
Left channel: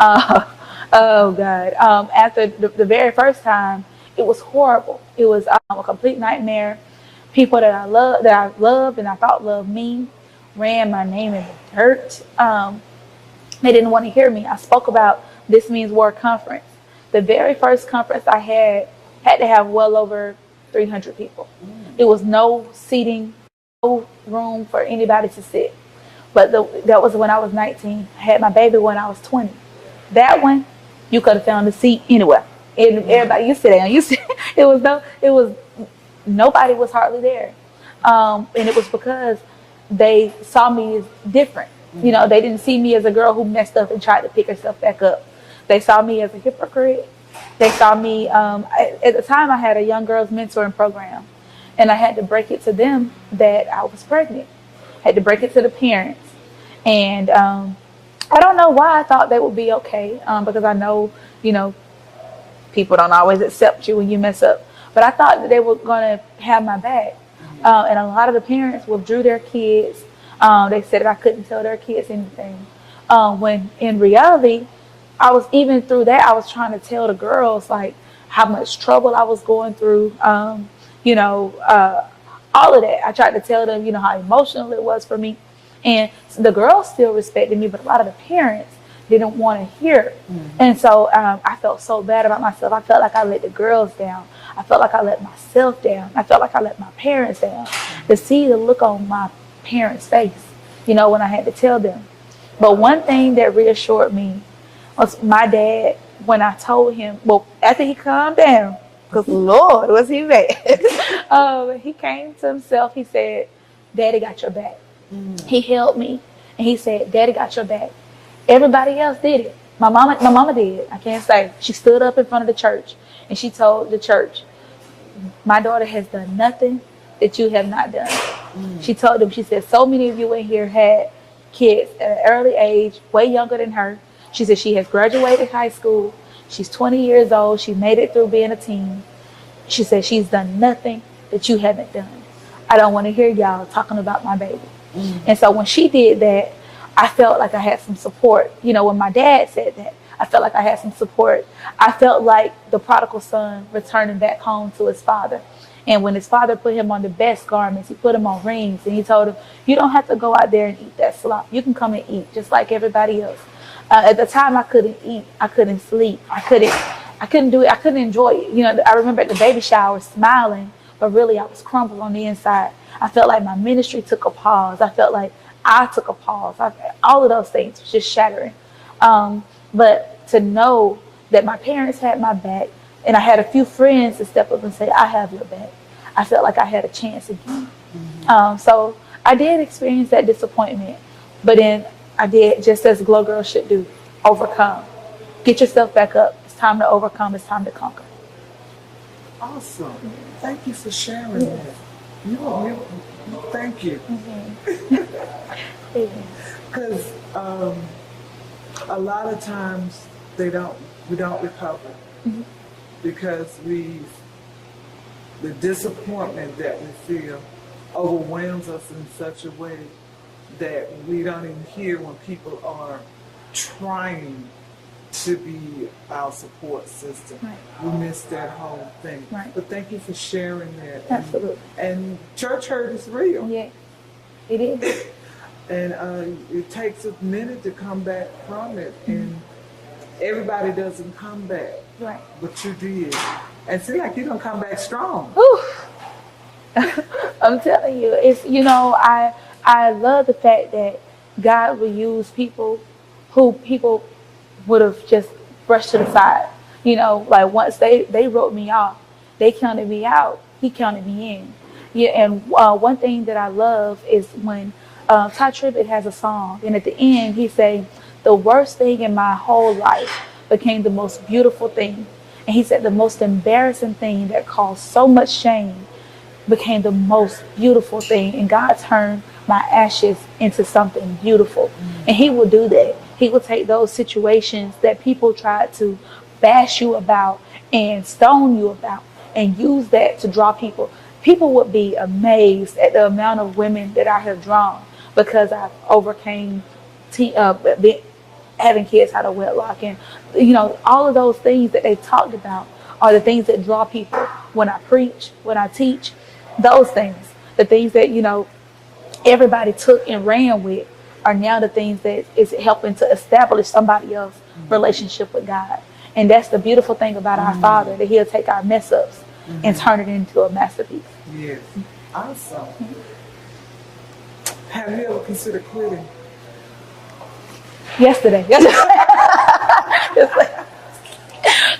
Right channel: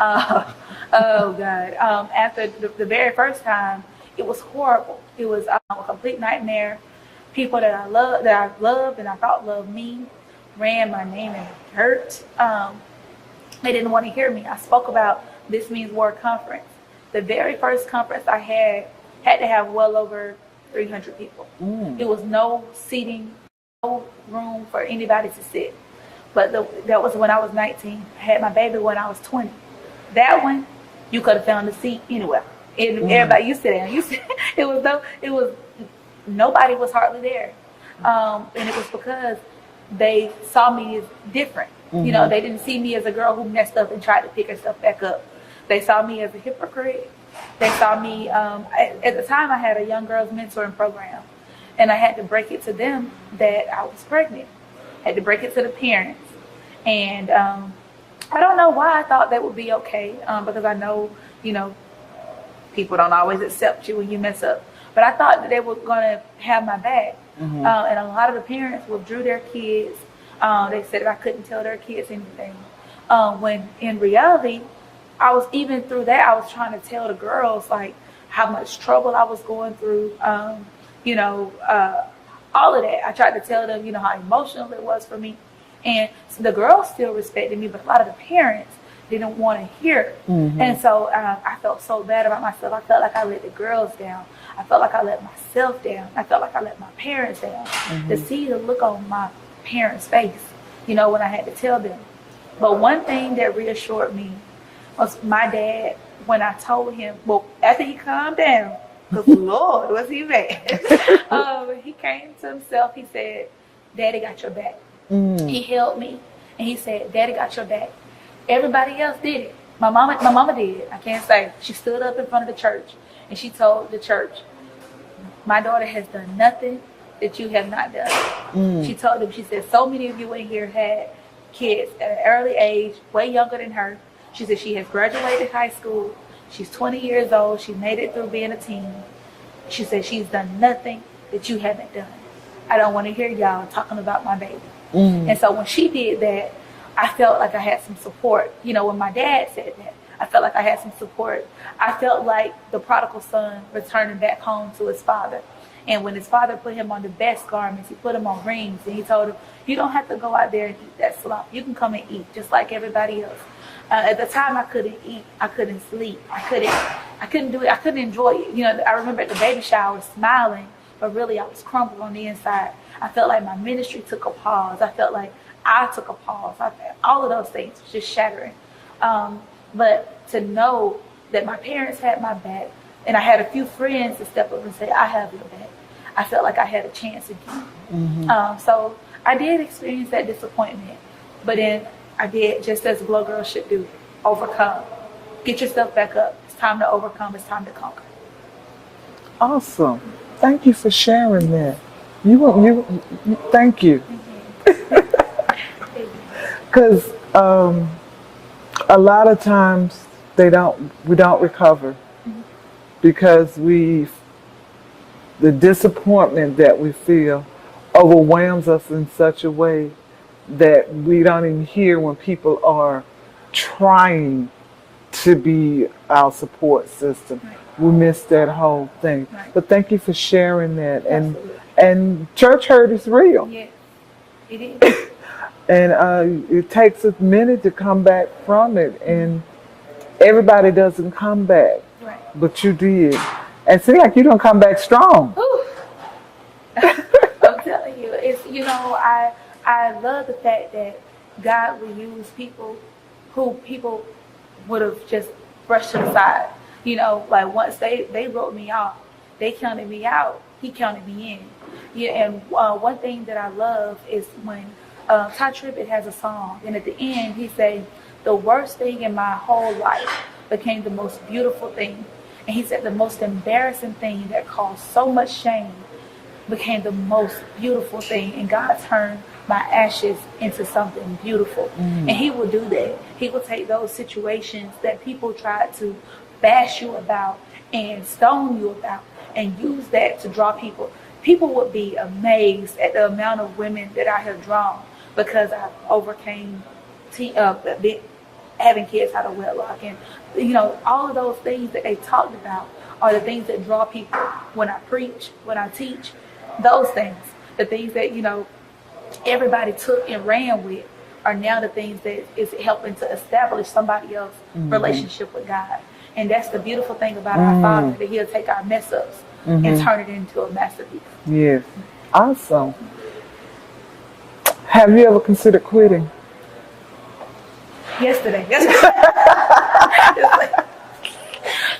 Oh God! After the very first time, it was horrible. It was a complete nightmare. People that I loved and I thought loved me, ran my name in the dirt. They didn't want to hear me. I spoke about This Means War conference. The very first conference I had to have well over 300 people. It was no seating, no room for anybody to sit. But that was when I was 19. I had my baby when I was 20. That one, you could have found a seat anywhere. And everybody, you sit down. Nobody was hardly there. And it was because they saw me as different. You know, they didn't see me as a girl who messed up and tried to pick herself back up. They saw me as a hypocrite. They saw me, at the time I had a young girls mentoring program, and I had to break it to them that I was pregnant. I had to break it to the parents. And I don't know why I thought they would be okay, because I know, you know, people don't always accept you when you mess up. But I thought that they were going to have my back. And a lot of the parents withdrew their kids. They said that I couldn't tell their kids anything. When in reality, I was, even through that, I was trying to tell the girls like how much trouble I was going through. You know, all of that. I tried to tell them, you know, how emotional it was for me. And so the girls still respected me, but a lot of the parents didn't want to hear it. And so I felt so bad about myself. I felt like I let the girls down. I felt like I let myself down. I felt like I let my parents down. To see the look on my parents' face, you know, when I had to tell them. But one thing that reassured me was my dad, when I told him, well, after he calmed down, because Lord, was he mad. He came to himself. He said, Daddy got your back. He held me and he said, Daddy got your back. Everybody else did it. My mama did. I can't say. She stood up in front of the church and she told the church, my daughter has done nothing that you have not done. She told them, she said, so many of you in here had kids at an early age, way younger than her. She said she has graduated high school. She's 20 years old. She made it through being a teen. She said she's done nothing that you haven't done. I don't want to hear y'all talking about my baby. And so when she did that, I felt like I had some support. You know, when my dad said that, I felt like I had some support. I felt like the prodigal son returning back home to his father. And when his father put him on the best garments, he put him on rings, and he told him, you don't have to go out there and eat that slop. You can come and eat just like everybody else. At the time, I couldn't eat. I couldn't sleep. I couldn't do it. I couldn't enjoy it. You know, I remember at the baby shower smiling, but really I was crumpled on the inside. I felt like my ministry took a pause. I felt like I took a pause. All of those things was just shattering. But to know that my parents had my back, and I had a few friends to step up and say, I have your back, I felt like I had a chance again. So I did experience that disappointment, but then I did just as Glow Girl should do, overcome. Get yourself back up. It's time to overcome. It's time to conquer. Awesome. Thank you for sharing that. Thank you. Because a lot of times we don't recover because the disappointment that we feel overwhelms us in such a way that we don't even hear when people are trying to be our support system. Right. We miss that whole thing. Right. But thank you for sharing that. And church hurt is real. Yeah, it is. And it takes a minute to come back from it, and everybody doesn't come back. Right. But you did. And seems like you don't come back strong. I'm telling you, it's, you know, I love the fact that God will use people who people would have just brushed to the side. You know, like once they wrote me off, they counted me out, he counted me in. Yeah, and one thing that I love is when Ty Tribbett has a song, and at the end he say, the worst thing in my whole life became the most beautiful thing. And he said the most embarrassing thing that caused so much shame became the most beautiful thing, and God turned my ashes into something beautiful. And he will do that. He will take those situations that people tried to bash you about and stone you about and use that to draw people. People would be amazed at the amount of women that I have drawn because I overcame having kids out of wedlock, and you know, all of those things that they talked about are the things that draw people. When I preach, when I teach, those things, the things that, you know, everybody took and ran with, are now the things that is helping to establish somebody else's relationship with God. And that's the beautiful thing about our Father, that he'll take our mess ups and turn it into a masterpiece. Yes. Awesome. Have you ever considered quitting? Yesterday.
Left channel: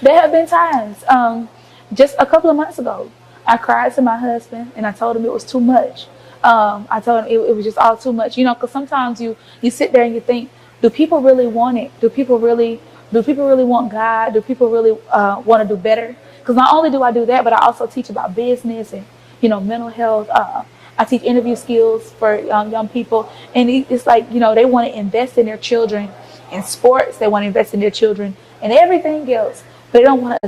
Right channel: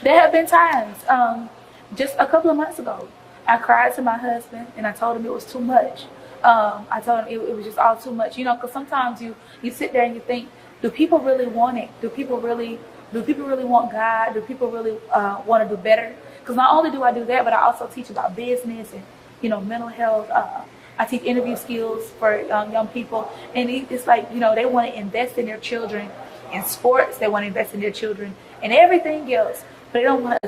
There have been times, just a couple of months ago, I cried to my husband and I told him it was too much. I told him it was just all too much, because sometimes you sit there and you think, do people really want it? Do people really want God? Do people really want to do better? Because not only do I do that, but I also teach about business and, mental health. I teach interview skills for young people. And it's like, they want to invest in their children in sports. They want to invest in their children and everything else. But they don't want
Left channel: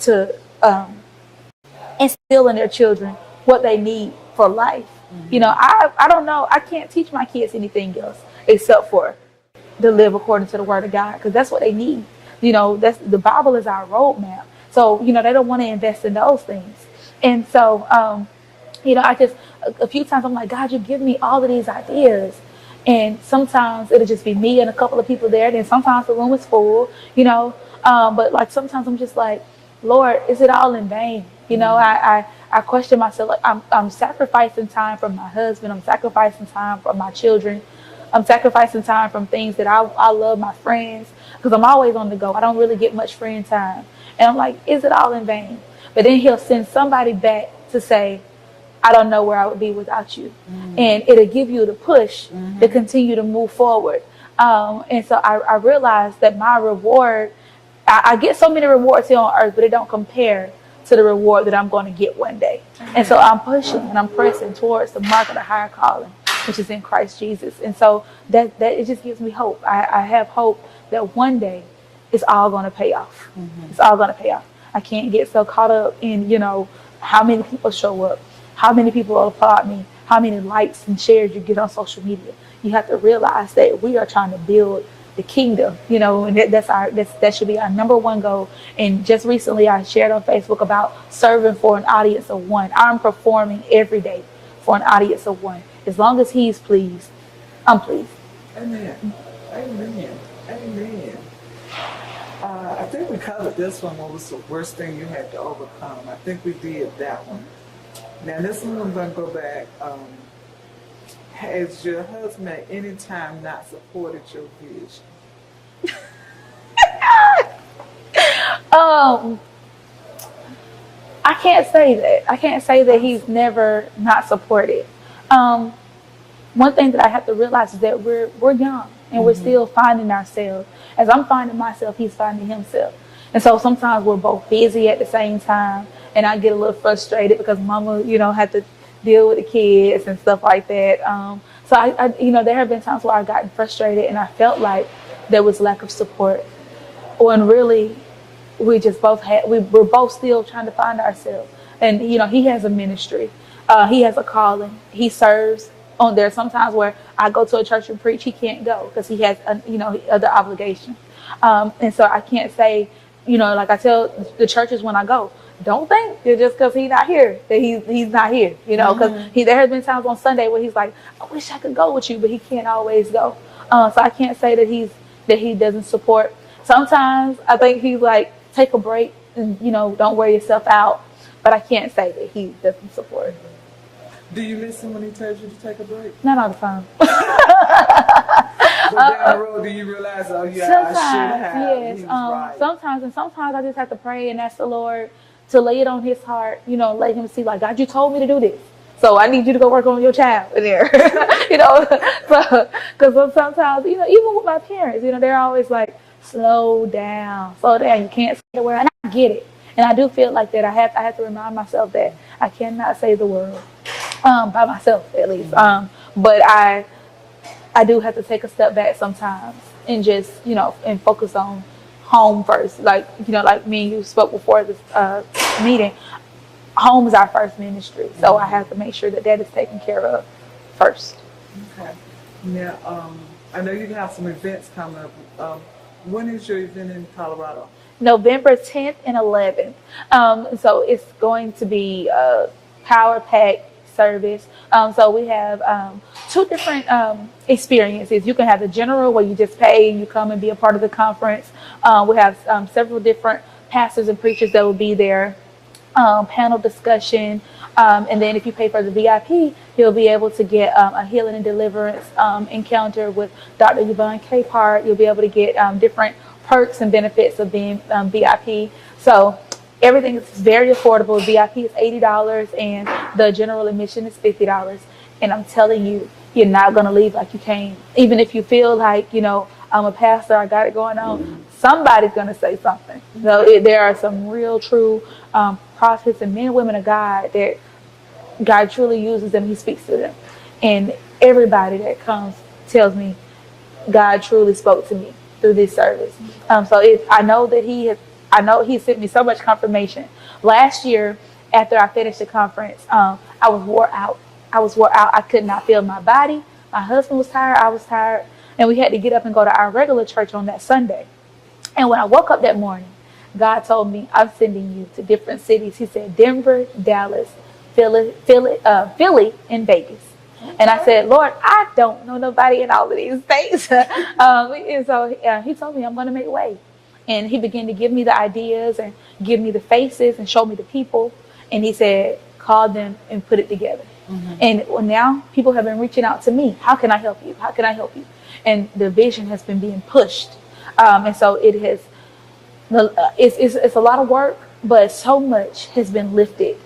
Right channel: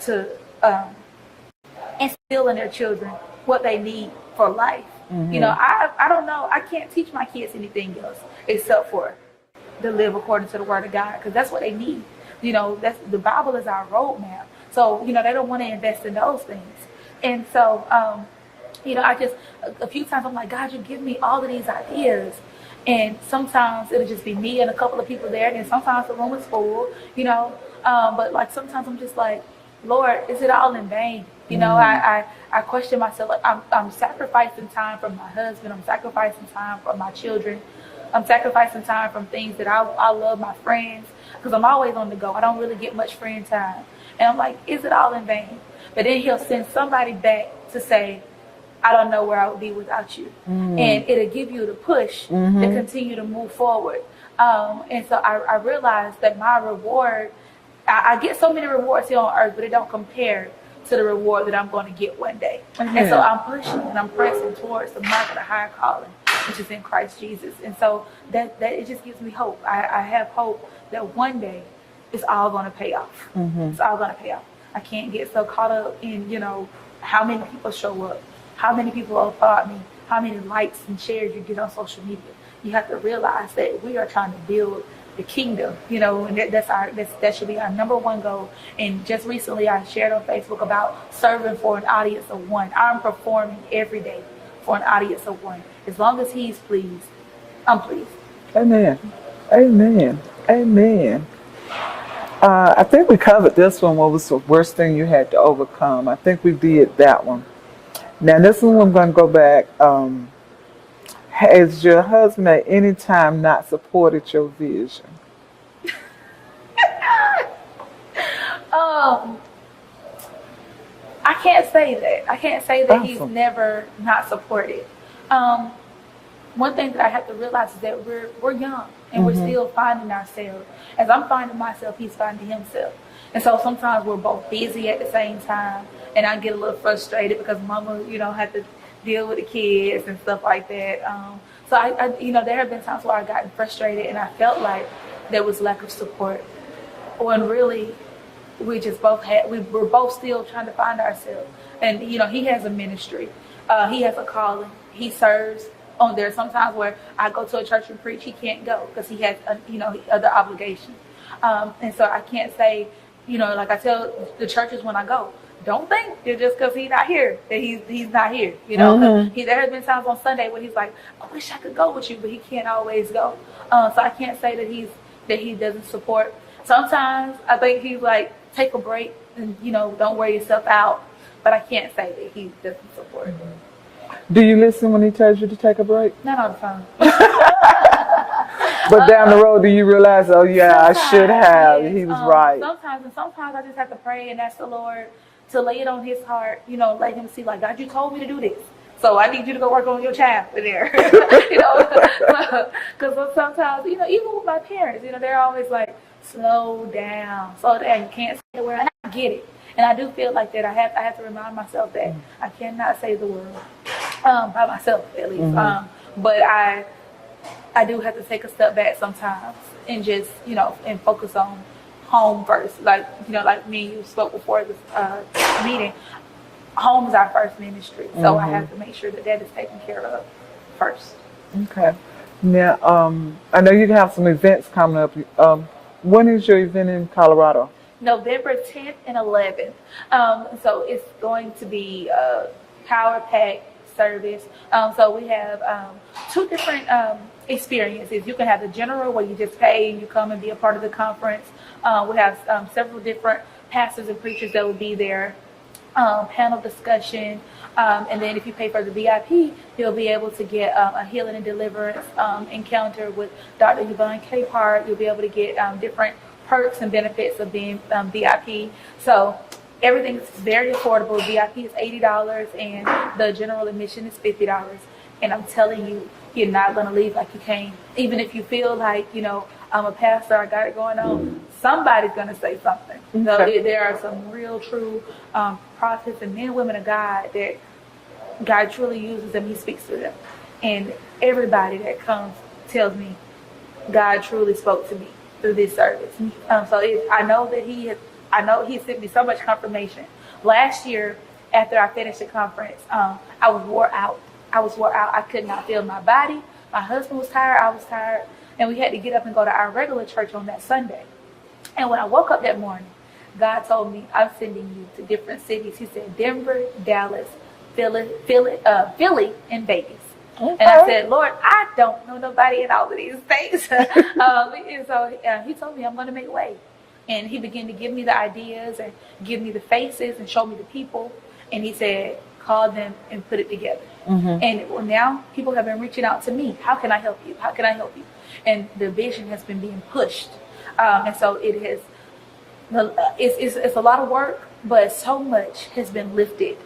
to instill in their children what they need for life. Mm-hmm. I don't know. I can't teach my kids anything else except for to live according to the word of God, because that's what they need. That's the Bible is our roadmap. So, they don't want to invest in those things. And so, I just, a few times I'm like, God, you give me all of these ideas. And sometimes it'll just be me and a couple of people there. And then sometimes the room is full, but like sometimes I'm just like, Lord, is it all in vain? I question myself. Like, I'm sacrificing time from my husband. I'm sacrificing time from my children. I'm sacrificing time from things that I love, my friends, because I'm always on the go. I don't really get much friend time. And I'm like, is it all in vain? But then he'll send somebody back to say, I don't know where I would be without you. Mm-hmm. And it'll give you the push to continue to move forward. And so I realized that my reward, I get so many rewards here on earth, but it don't compare to the reward that I'm going to get one day. Mm-hmm. And so I'm pushing and I'm pressing towards the mark of the higher calling, which is in Christ Jesus. And so that it just gives me hope. I have hope that one day it's all going to pay off. Mm-hmm. It's all going to pay off. I can't get so caught up in, how many people show up, how many people applaud me, how many likes and shares you get on social media. You have to realize that we are trying to build the kingdom, and that should be our number one goal. And just recently I shared on Facebook about serving for an audience of one. I'm performing every day for an audience of one. As long as he's pleased, I'm pleased. Amen. Amen. Amen. I think we covered this one. What was the worst thing you had to overcome? I think we did that one. Now this one I'm going to go back. Has your husband at any time not supported your vision? I can't say that. I can't say that Awesome. He's never not supported. One thing that I have to realize is that we're young and we're still finding ourselves. As I'm finding myself, he's finding himself. And so sometimes we're both busy at the same time, and I get a little frustrated because mama, had to deal with the kids and stuff like that. So I there have been times where I've gotten frustrated and I felt like there was lack of support, when really we're both still trying to find ourselves. And he has a ministry, he has a calling, he serves on there. Sometimes where I go to a church and preach, he can't go because he has other obligations. And so I can't say, like I tell the churches when I go, don't think that just because he's not here that he's not here, because there has been times on Sunday where he's like, I wish I could go with you, but he can't always go. So I can't say that he doesn't support. Sometimes I think he's like, take a break and don't wear yourself out, but I can't say that he doesn't support. Do you listen when he tells you to take a break? Not all the time. But down the road, do you realize, oh yeah, I should have, yes, he was right. Sometimes I just have to pray and ask the Lord to lay it on his heart, let him see, like, God, you told me to do this, so I need you to go work on your child in there. Because sometimes, even with my parents, they're always like, slow down, you can't say the word, and I get it. And I do feel like that I have to remind myself that I cannot say the word by myself, at least. But I do have to take a step back sometimes and just, and focus on home first. Like me and you spoke before this meeting, home is our first ministry. So I have to make sure that is taken care of first. Okay. Now, I know you have some events coming up. When is your event in Colorado? November 10th and 11th. So it's going to be a power pack service. So we have two different experiences. You can have the general where you just pay and you come and be a part of the conference. We have several different pastors and preachers that will be there. panel discussion. And then if you pay for the VIP, you'll be able to get a healing and deliverance encounter with Dr. Yvonne Capehart. You'll be able to get different perks and benefits of being VIP. So everything is very affordable. VIP is $80 and the general admission is $50. And I'm telling you, you're not going to leave like you came. Even if you feel like, you know, I'm a pastor, I got it going on, somebody's going to say something. So there are some real, true prophets and men and women of God that God truly uses them. He speaks to them. And everybody that comes tells me God truly spoke to me through this service. I know he sent me so much confirmation. Last year, after I finished the conference, I was wore out. I could not feel my body. My husband was tired. I was tired. And we had to get up and go to our regular church on that Sunday. And when I woke up that morning, God told me, I'm sending you to different cities. He said, Denver, Dallas, Philly, and Vegas. Okay. And I said, Lord, I don't know nobody in all of these states. And so he told me I'm going to make way. And he began to give me the ideas and give me the faces and show me the people. And he said, call them and put it together. And now people have been reaching out to me. How can I help you? How can I help you? And the vision has been being pushed. And so it has, it's a lot of work, but so much has been lifted.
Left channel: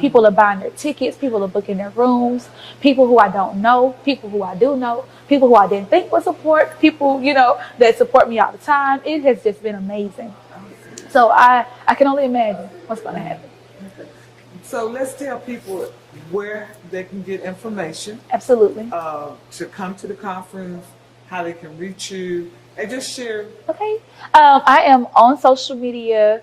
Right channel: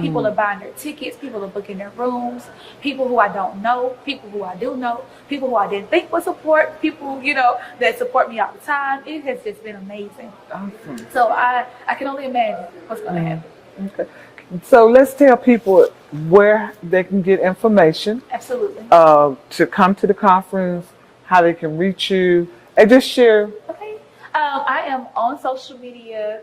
People are buying their tickets. People are booking their rooms. People who I don't know, people who I do know, people who I didn't think would support, people, you know, that support me all the time. It has just been amazing. Awesome. So I can only imagine what's going to happen. Okay. So let's tell people where they can get information. Absolutely. To come to the conference, how they can reach you, and just share. Okay. I am on social media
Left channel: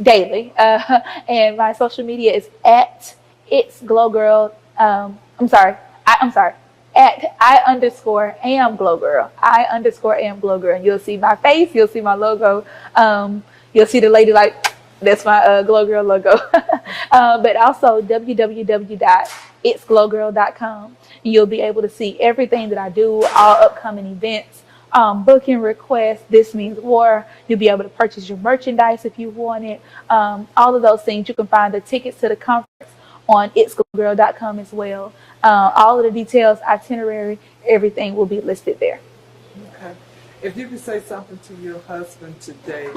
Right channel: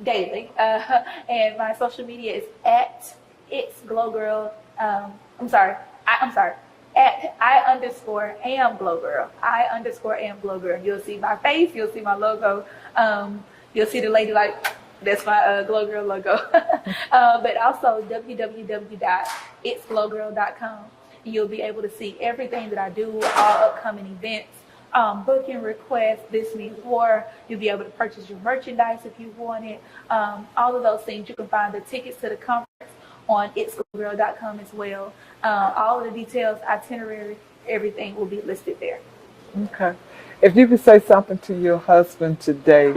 daily, and my social media is at It's Glow Girl. I'm sorry. At I_am Glow Girl. I_am Glow Girl. And you'll see my face. You'll see my logo. You'll see the lady like. That's my Glow Girl logo. But also www.itsglowgirl.com. You'll be able to see everything that I do, all upcoming events, booking requests. This means war. You'll be able to purchase your merchandise if you want it. All of those things. You can find the tickets to the conference on itsglowgirl.com as well. All of the details, itinerary, everything will be listed there. Okay. If you could say something to your husband today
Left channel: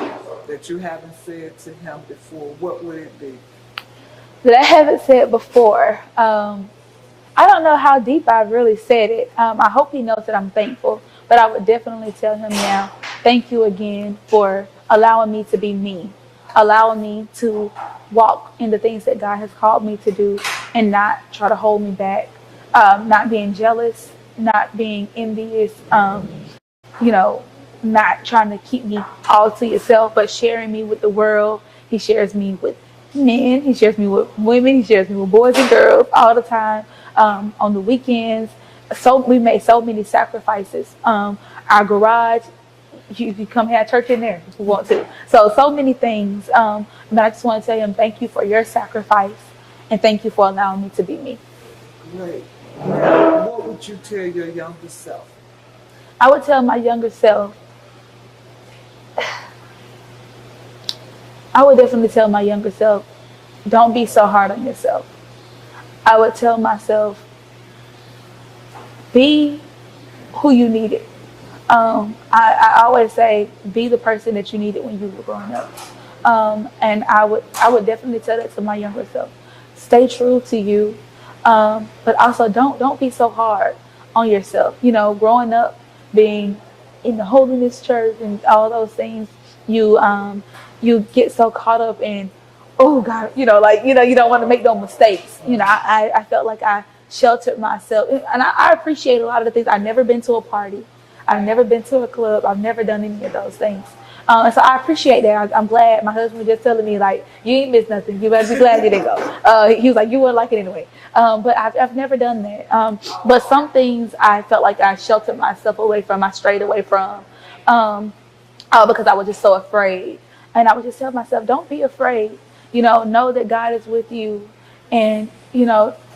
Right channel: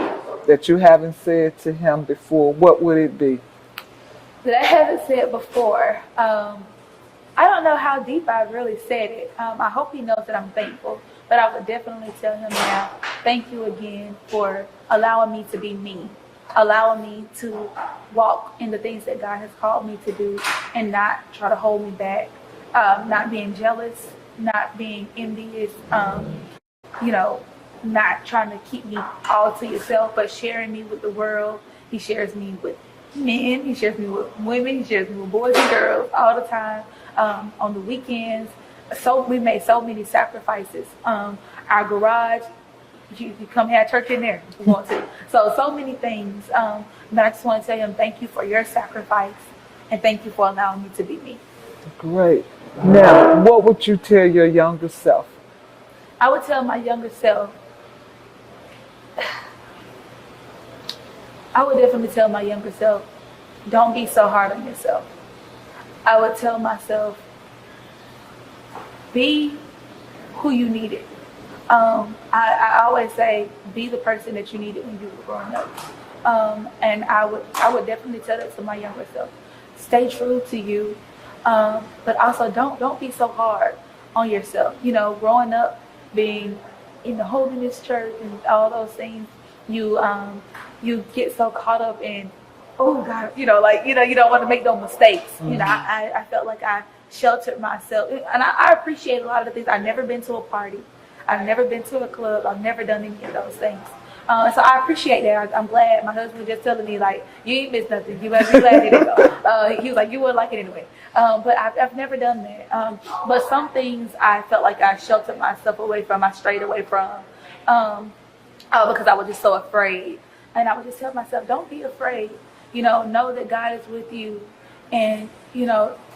that you haven't said to him before, what would it be? That I haven't said before. I don't know how deep I really said it. I hope he knows that I'm thankful, but I would definitely tell him now, thank you again for allowing me to be me, allowing me to walk in the things that God has called me to do and not try to hold me back, not being jealous, not being envious, not trying to keep me all to yourself, but sharing me with the world. He shares me with men, he shares me with women, he shares me with boys and girls all the time, on the weekends. So we made so many sacrifices. Our garage, you can come have church in there if you want to. So many things. But I just want to tell him thank you for your sacrifice and thank you for allowing me to be me. Great. Now, what would you tell your younger self? I would tell my younger self, I would definitely tell my younger self, don't be so hard on yourself. I would tell myself, be who you needed. I always say, be the person that you needed when you were growing up. And I would definitely tell that to my younger self. Stay true to you, but also don't be so hard on yourself. You know, growing up, being in the holiness church and all those things, you get so caught up in, oh God, you don't want to make no mistakes. Mm-hmm. I felt like I sheltered myself, and I appreciate a lot of the things. I've never been to a party, I've never been to a club, I've never done any of those things. So I appreciate that. I'm glad. My husband was just telling me, like, you ain't missed nothing. You better be glad you didn't go. He was like, you wouldn't like it anyway. But I've never done that. But some things I felt like I sheltered myself away from, I strayed away from, because I was just so afraid. And I would just tell myself, don't be afraid. Know that God is with you, and,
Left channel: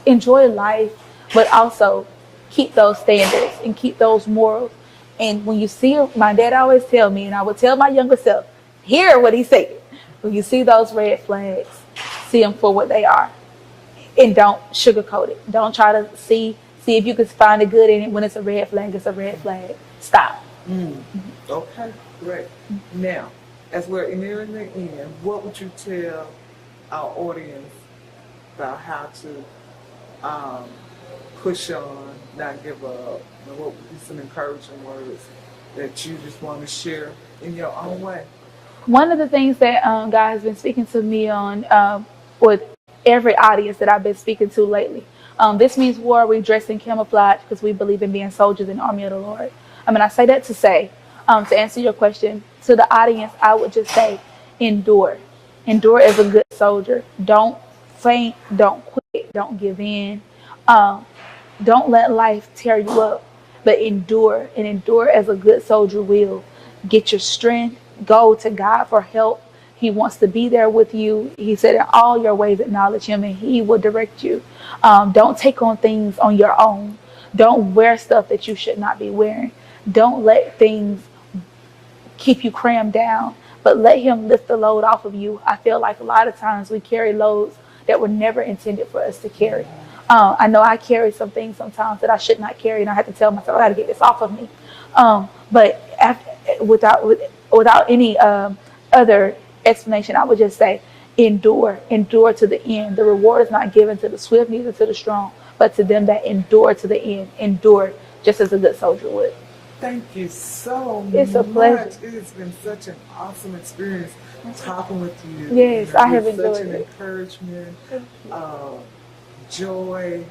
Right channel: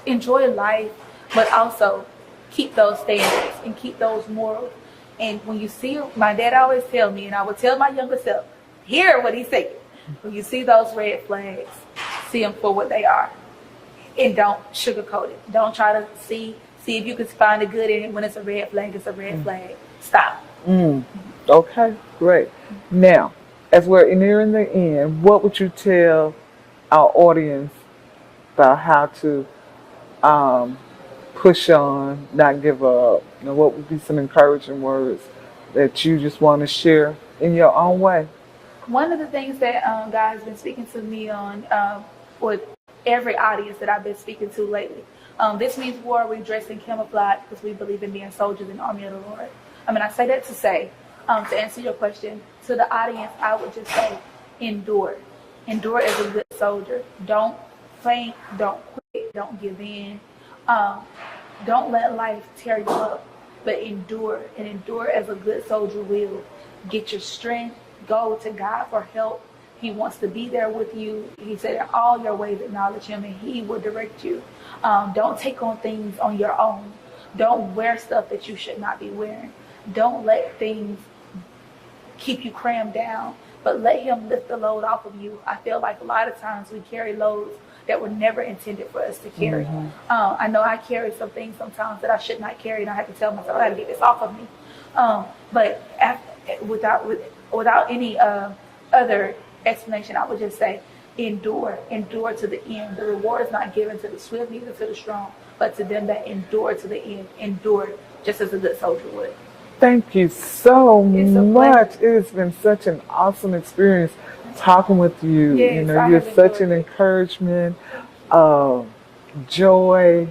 enjoy life, but also keep those standards and keep those morals. And when you see, my dad always tell me, and I would tell my younger self, hear what he said. When you see those red flags, see them for what they are, and don't sugarcoat it. Don't try to see if you can find the good in it. When it's a red flag, it's a red flag. Stop. Okay, great. Now, as we're nearing the end, what would you tell our audience about how to push on, not give up? You know, what would be some encouraging words that you just want to share in your own way? One of the things that God has been speaking to me on with every audience that I've been speaking to lately. This means war. We dress in camouflage because we believe in being soldiers in the army of the Lord. I mean, I say that to say, to answer your question, to the audience, I would just say, endure. Endure as a good soldier. Don't faint. Don't quit. Don't give in. Don't let life tear you up, but endure. And endure as a good soldier will. Get your strength. Go to God for help. He wants to be there with you. He said, in all your ways acknowledge him and he will direct you. Don't take on things on your own. Don't wear stuff that you should not be wearing. Don't let things keep you crammed down, but let him lift the load off of you. I feel like a lot of times we carry loads that were never intended for us to carry. I know I carry some things sometimes that I should not carry, and I have to tell myself, I got to get this off of me. But without any other explanation, I would just say, endure to the end. The reward is not given to the swift, neither to the strong, but to them that endure to the end. Endure just as a good soldier would. Thank you so It's a much. pleasure. It's been such an awesome experience talking with you. Yes, I you're have such enjoyed an it. encouragement, joy,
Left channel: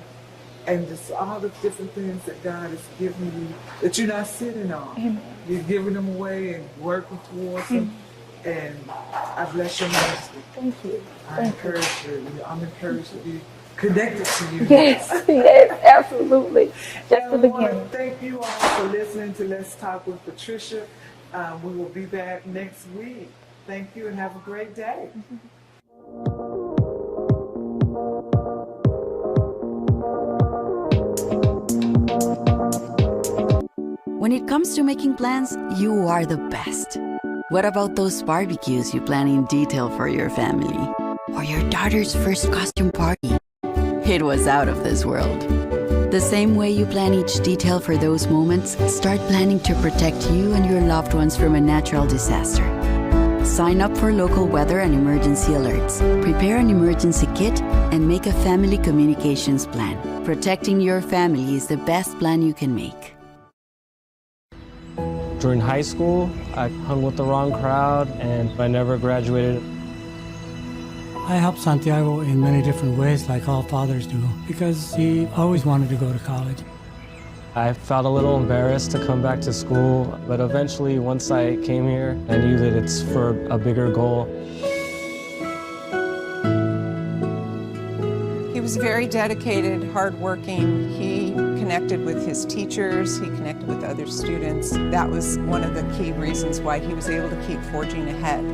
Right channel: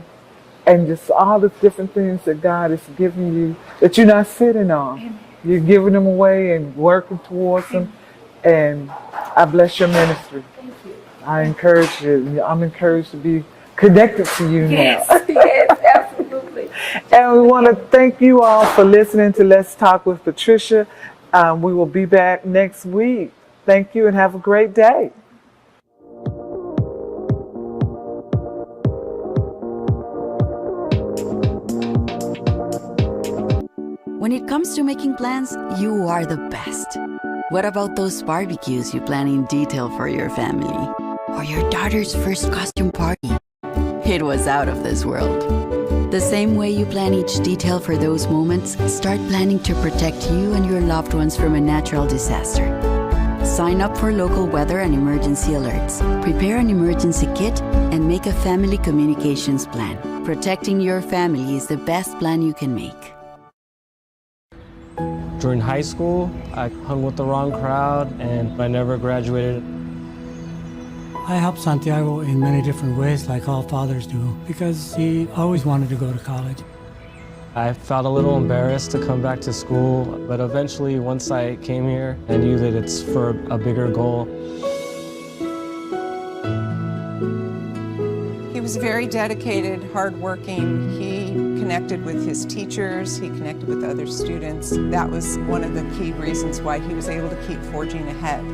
and just all the different things that God has given you that you're not sitting on. Amen. You're giving them away and working towards them. And I bless your ministry. Thank you. I encourage you. I'm encouraged to be connected to you. Yes, now. yes, absolutely. And we want to thank you all for listening to Let's Talk with Patricia. We will be back next week. Thank you and have a great day. When it comes to making plans, you are the best. What about those barbecues you plan in detail for your family? Or your daughter's first costume party? It was out of this world. The same way you plan each detail for those moments, start planning to protect you and your loved ones from a natural disaster. Sign up for local weather and emergency alerts. Prepare an emergency kit and make a family communications plan. Protecting your family is the best plan you can make. During high school, I hung with the wrong crowd and I never graduated. I helped Santiago in many different ways, like all fathers do, because he always wanted to go to college. I felt a little embarrassed to come back to school, but eventually, once I came here, I knew that it's for a bigger goal. He was very dedicated, hardworking. He connected with his teachers, he connected with other students. That was one of the key reasons why he was able to keep forging ahead.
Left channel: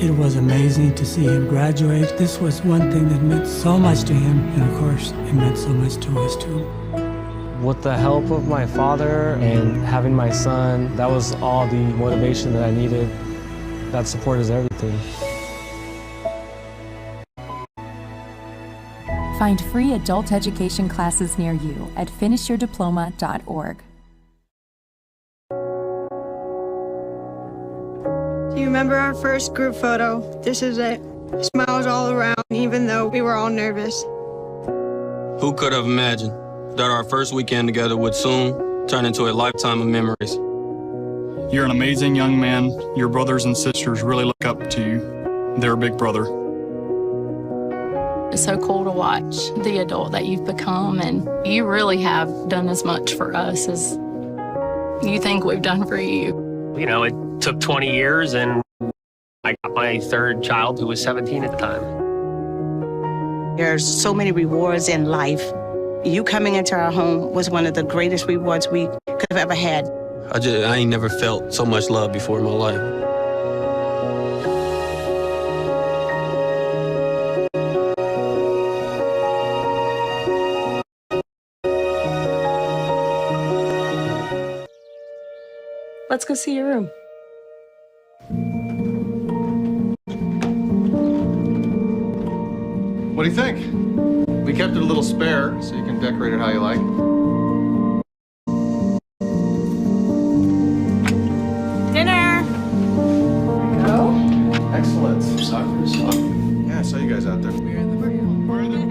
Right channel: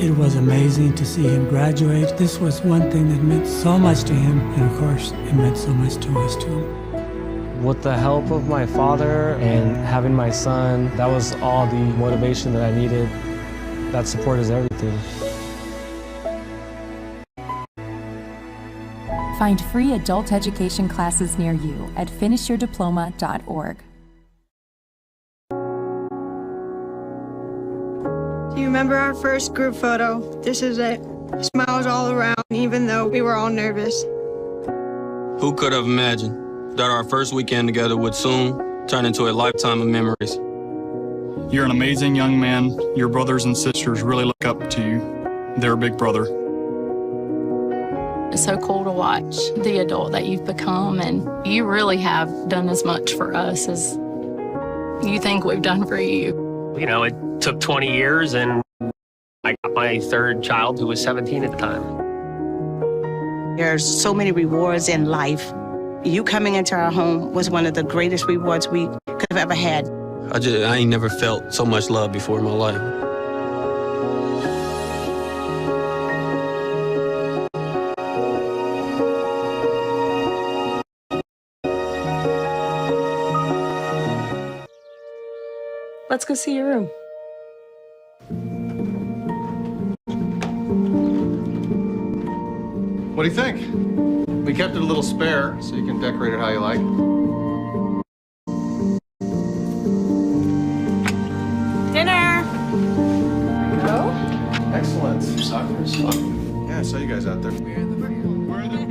It was amazing to see him graduate. This was one thing that meant so much to him, and of course, it meant so much to us too. With the help of my father and having my son, that was all the motivation that I needed. That support is everything. Find free adult education classes near you at finishyourdiploma.org. Do you remember our first group photo? This is it. Smiles all around, even though we were all nervous. Who could have imagined that our first weekend together would soon turn into a lifetime of memories? You're an amazing young man. Your brothers and sisters really look up to you. They're a big brother. It's so cool to watch the adult that you've become, and you really have done as much for us as you think we've done for you. You know, it took 20 years, and I got my third child who was 17 at the time. There's so many rewards in life. You coming into our home was one of the greatest rewards we could have ever had. I ain't never felt so much love before in my life. Let's go see your room. What do you think? We kept it a little spare, so you can decorate it how you like. Dinner. Go. Excellent. Soccer. Yeah, I saw you guys out there. We're the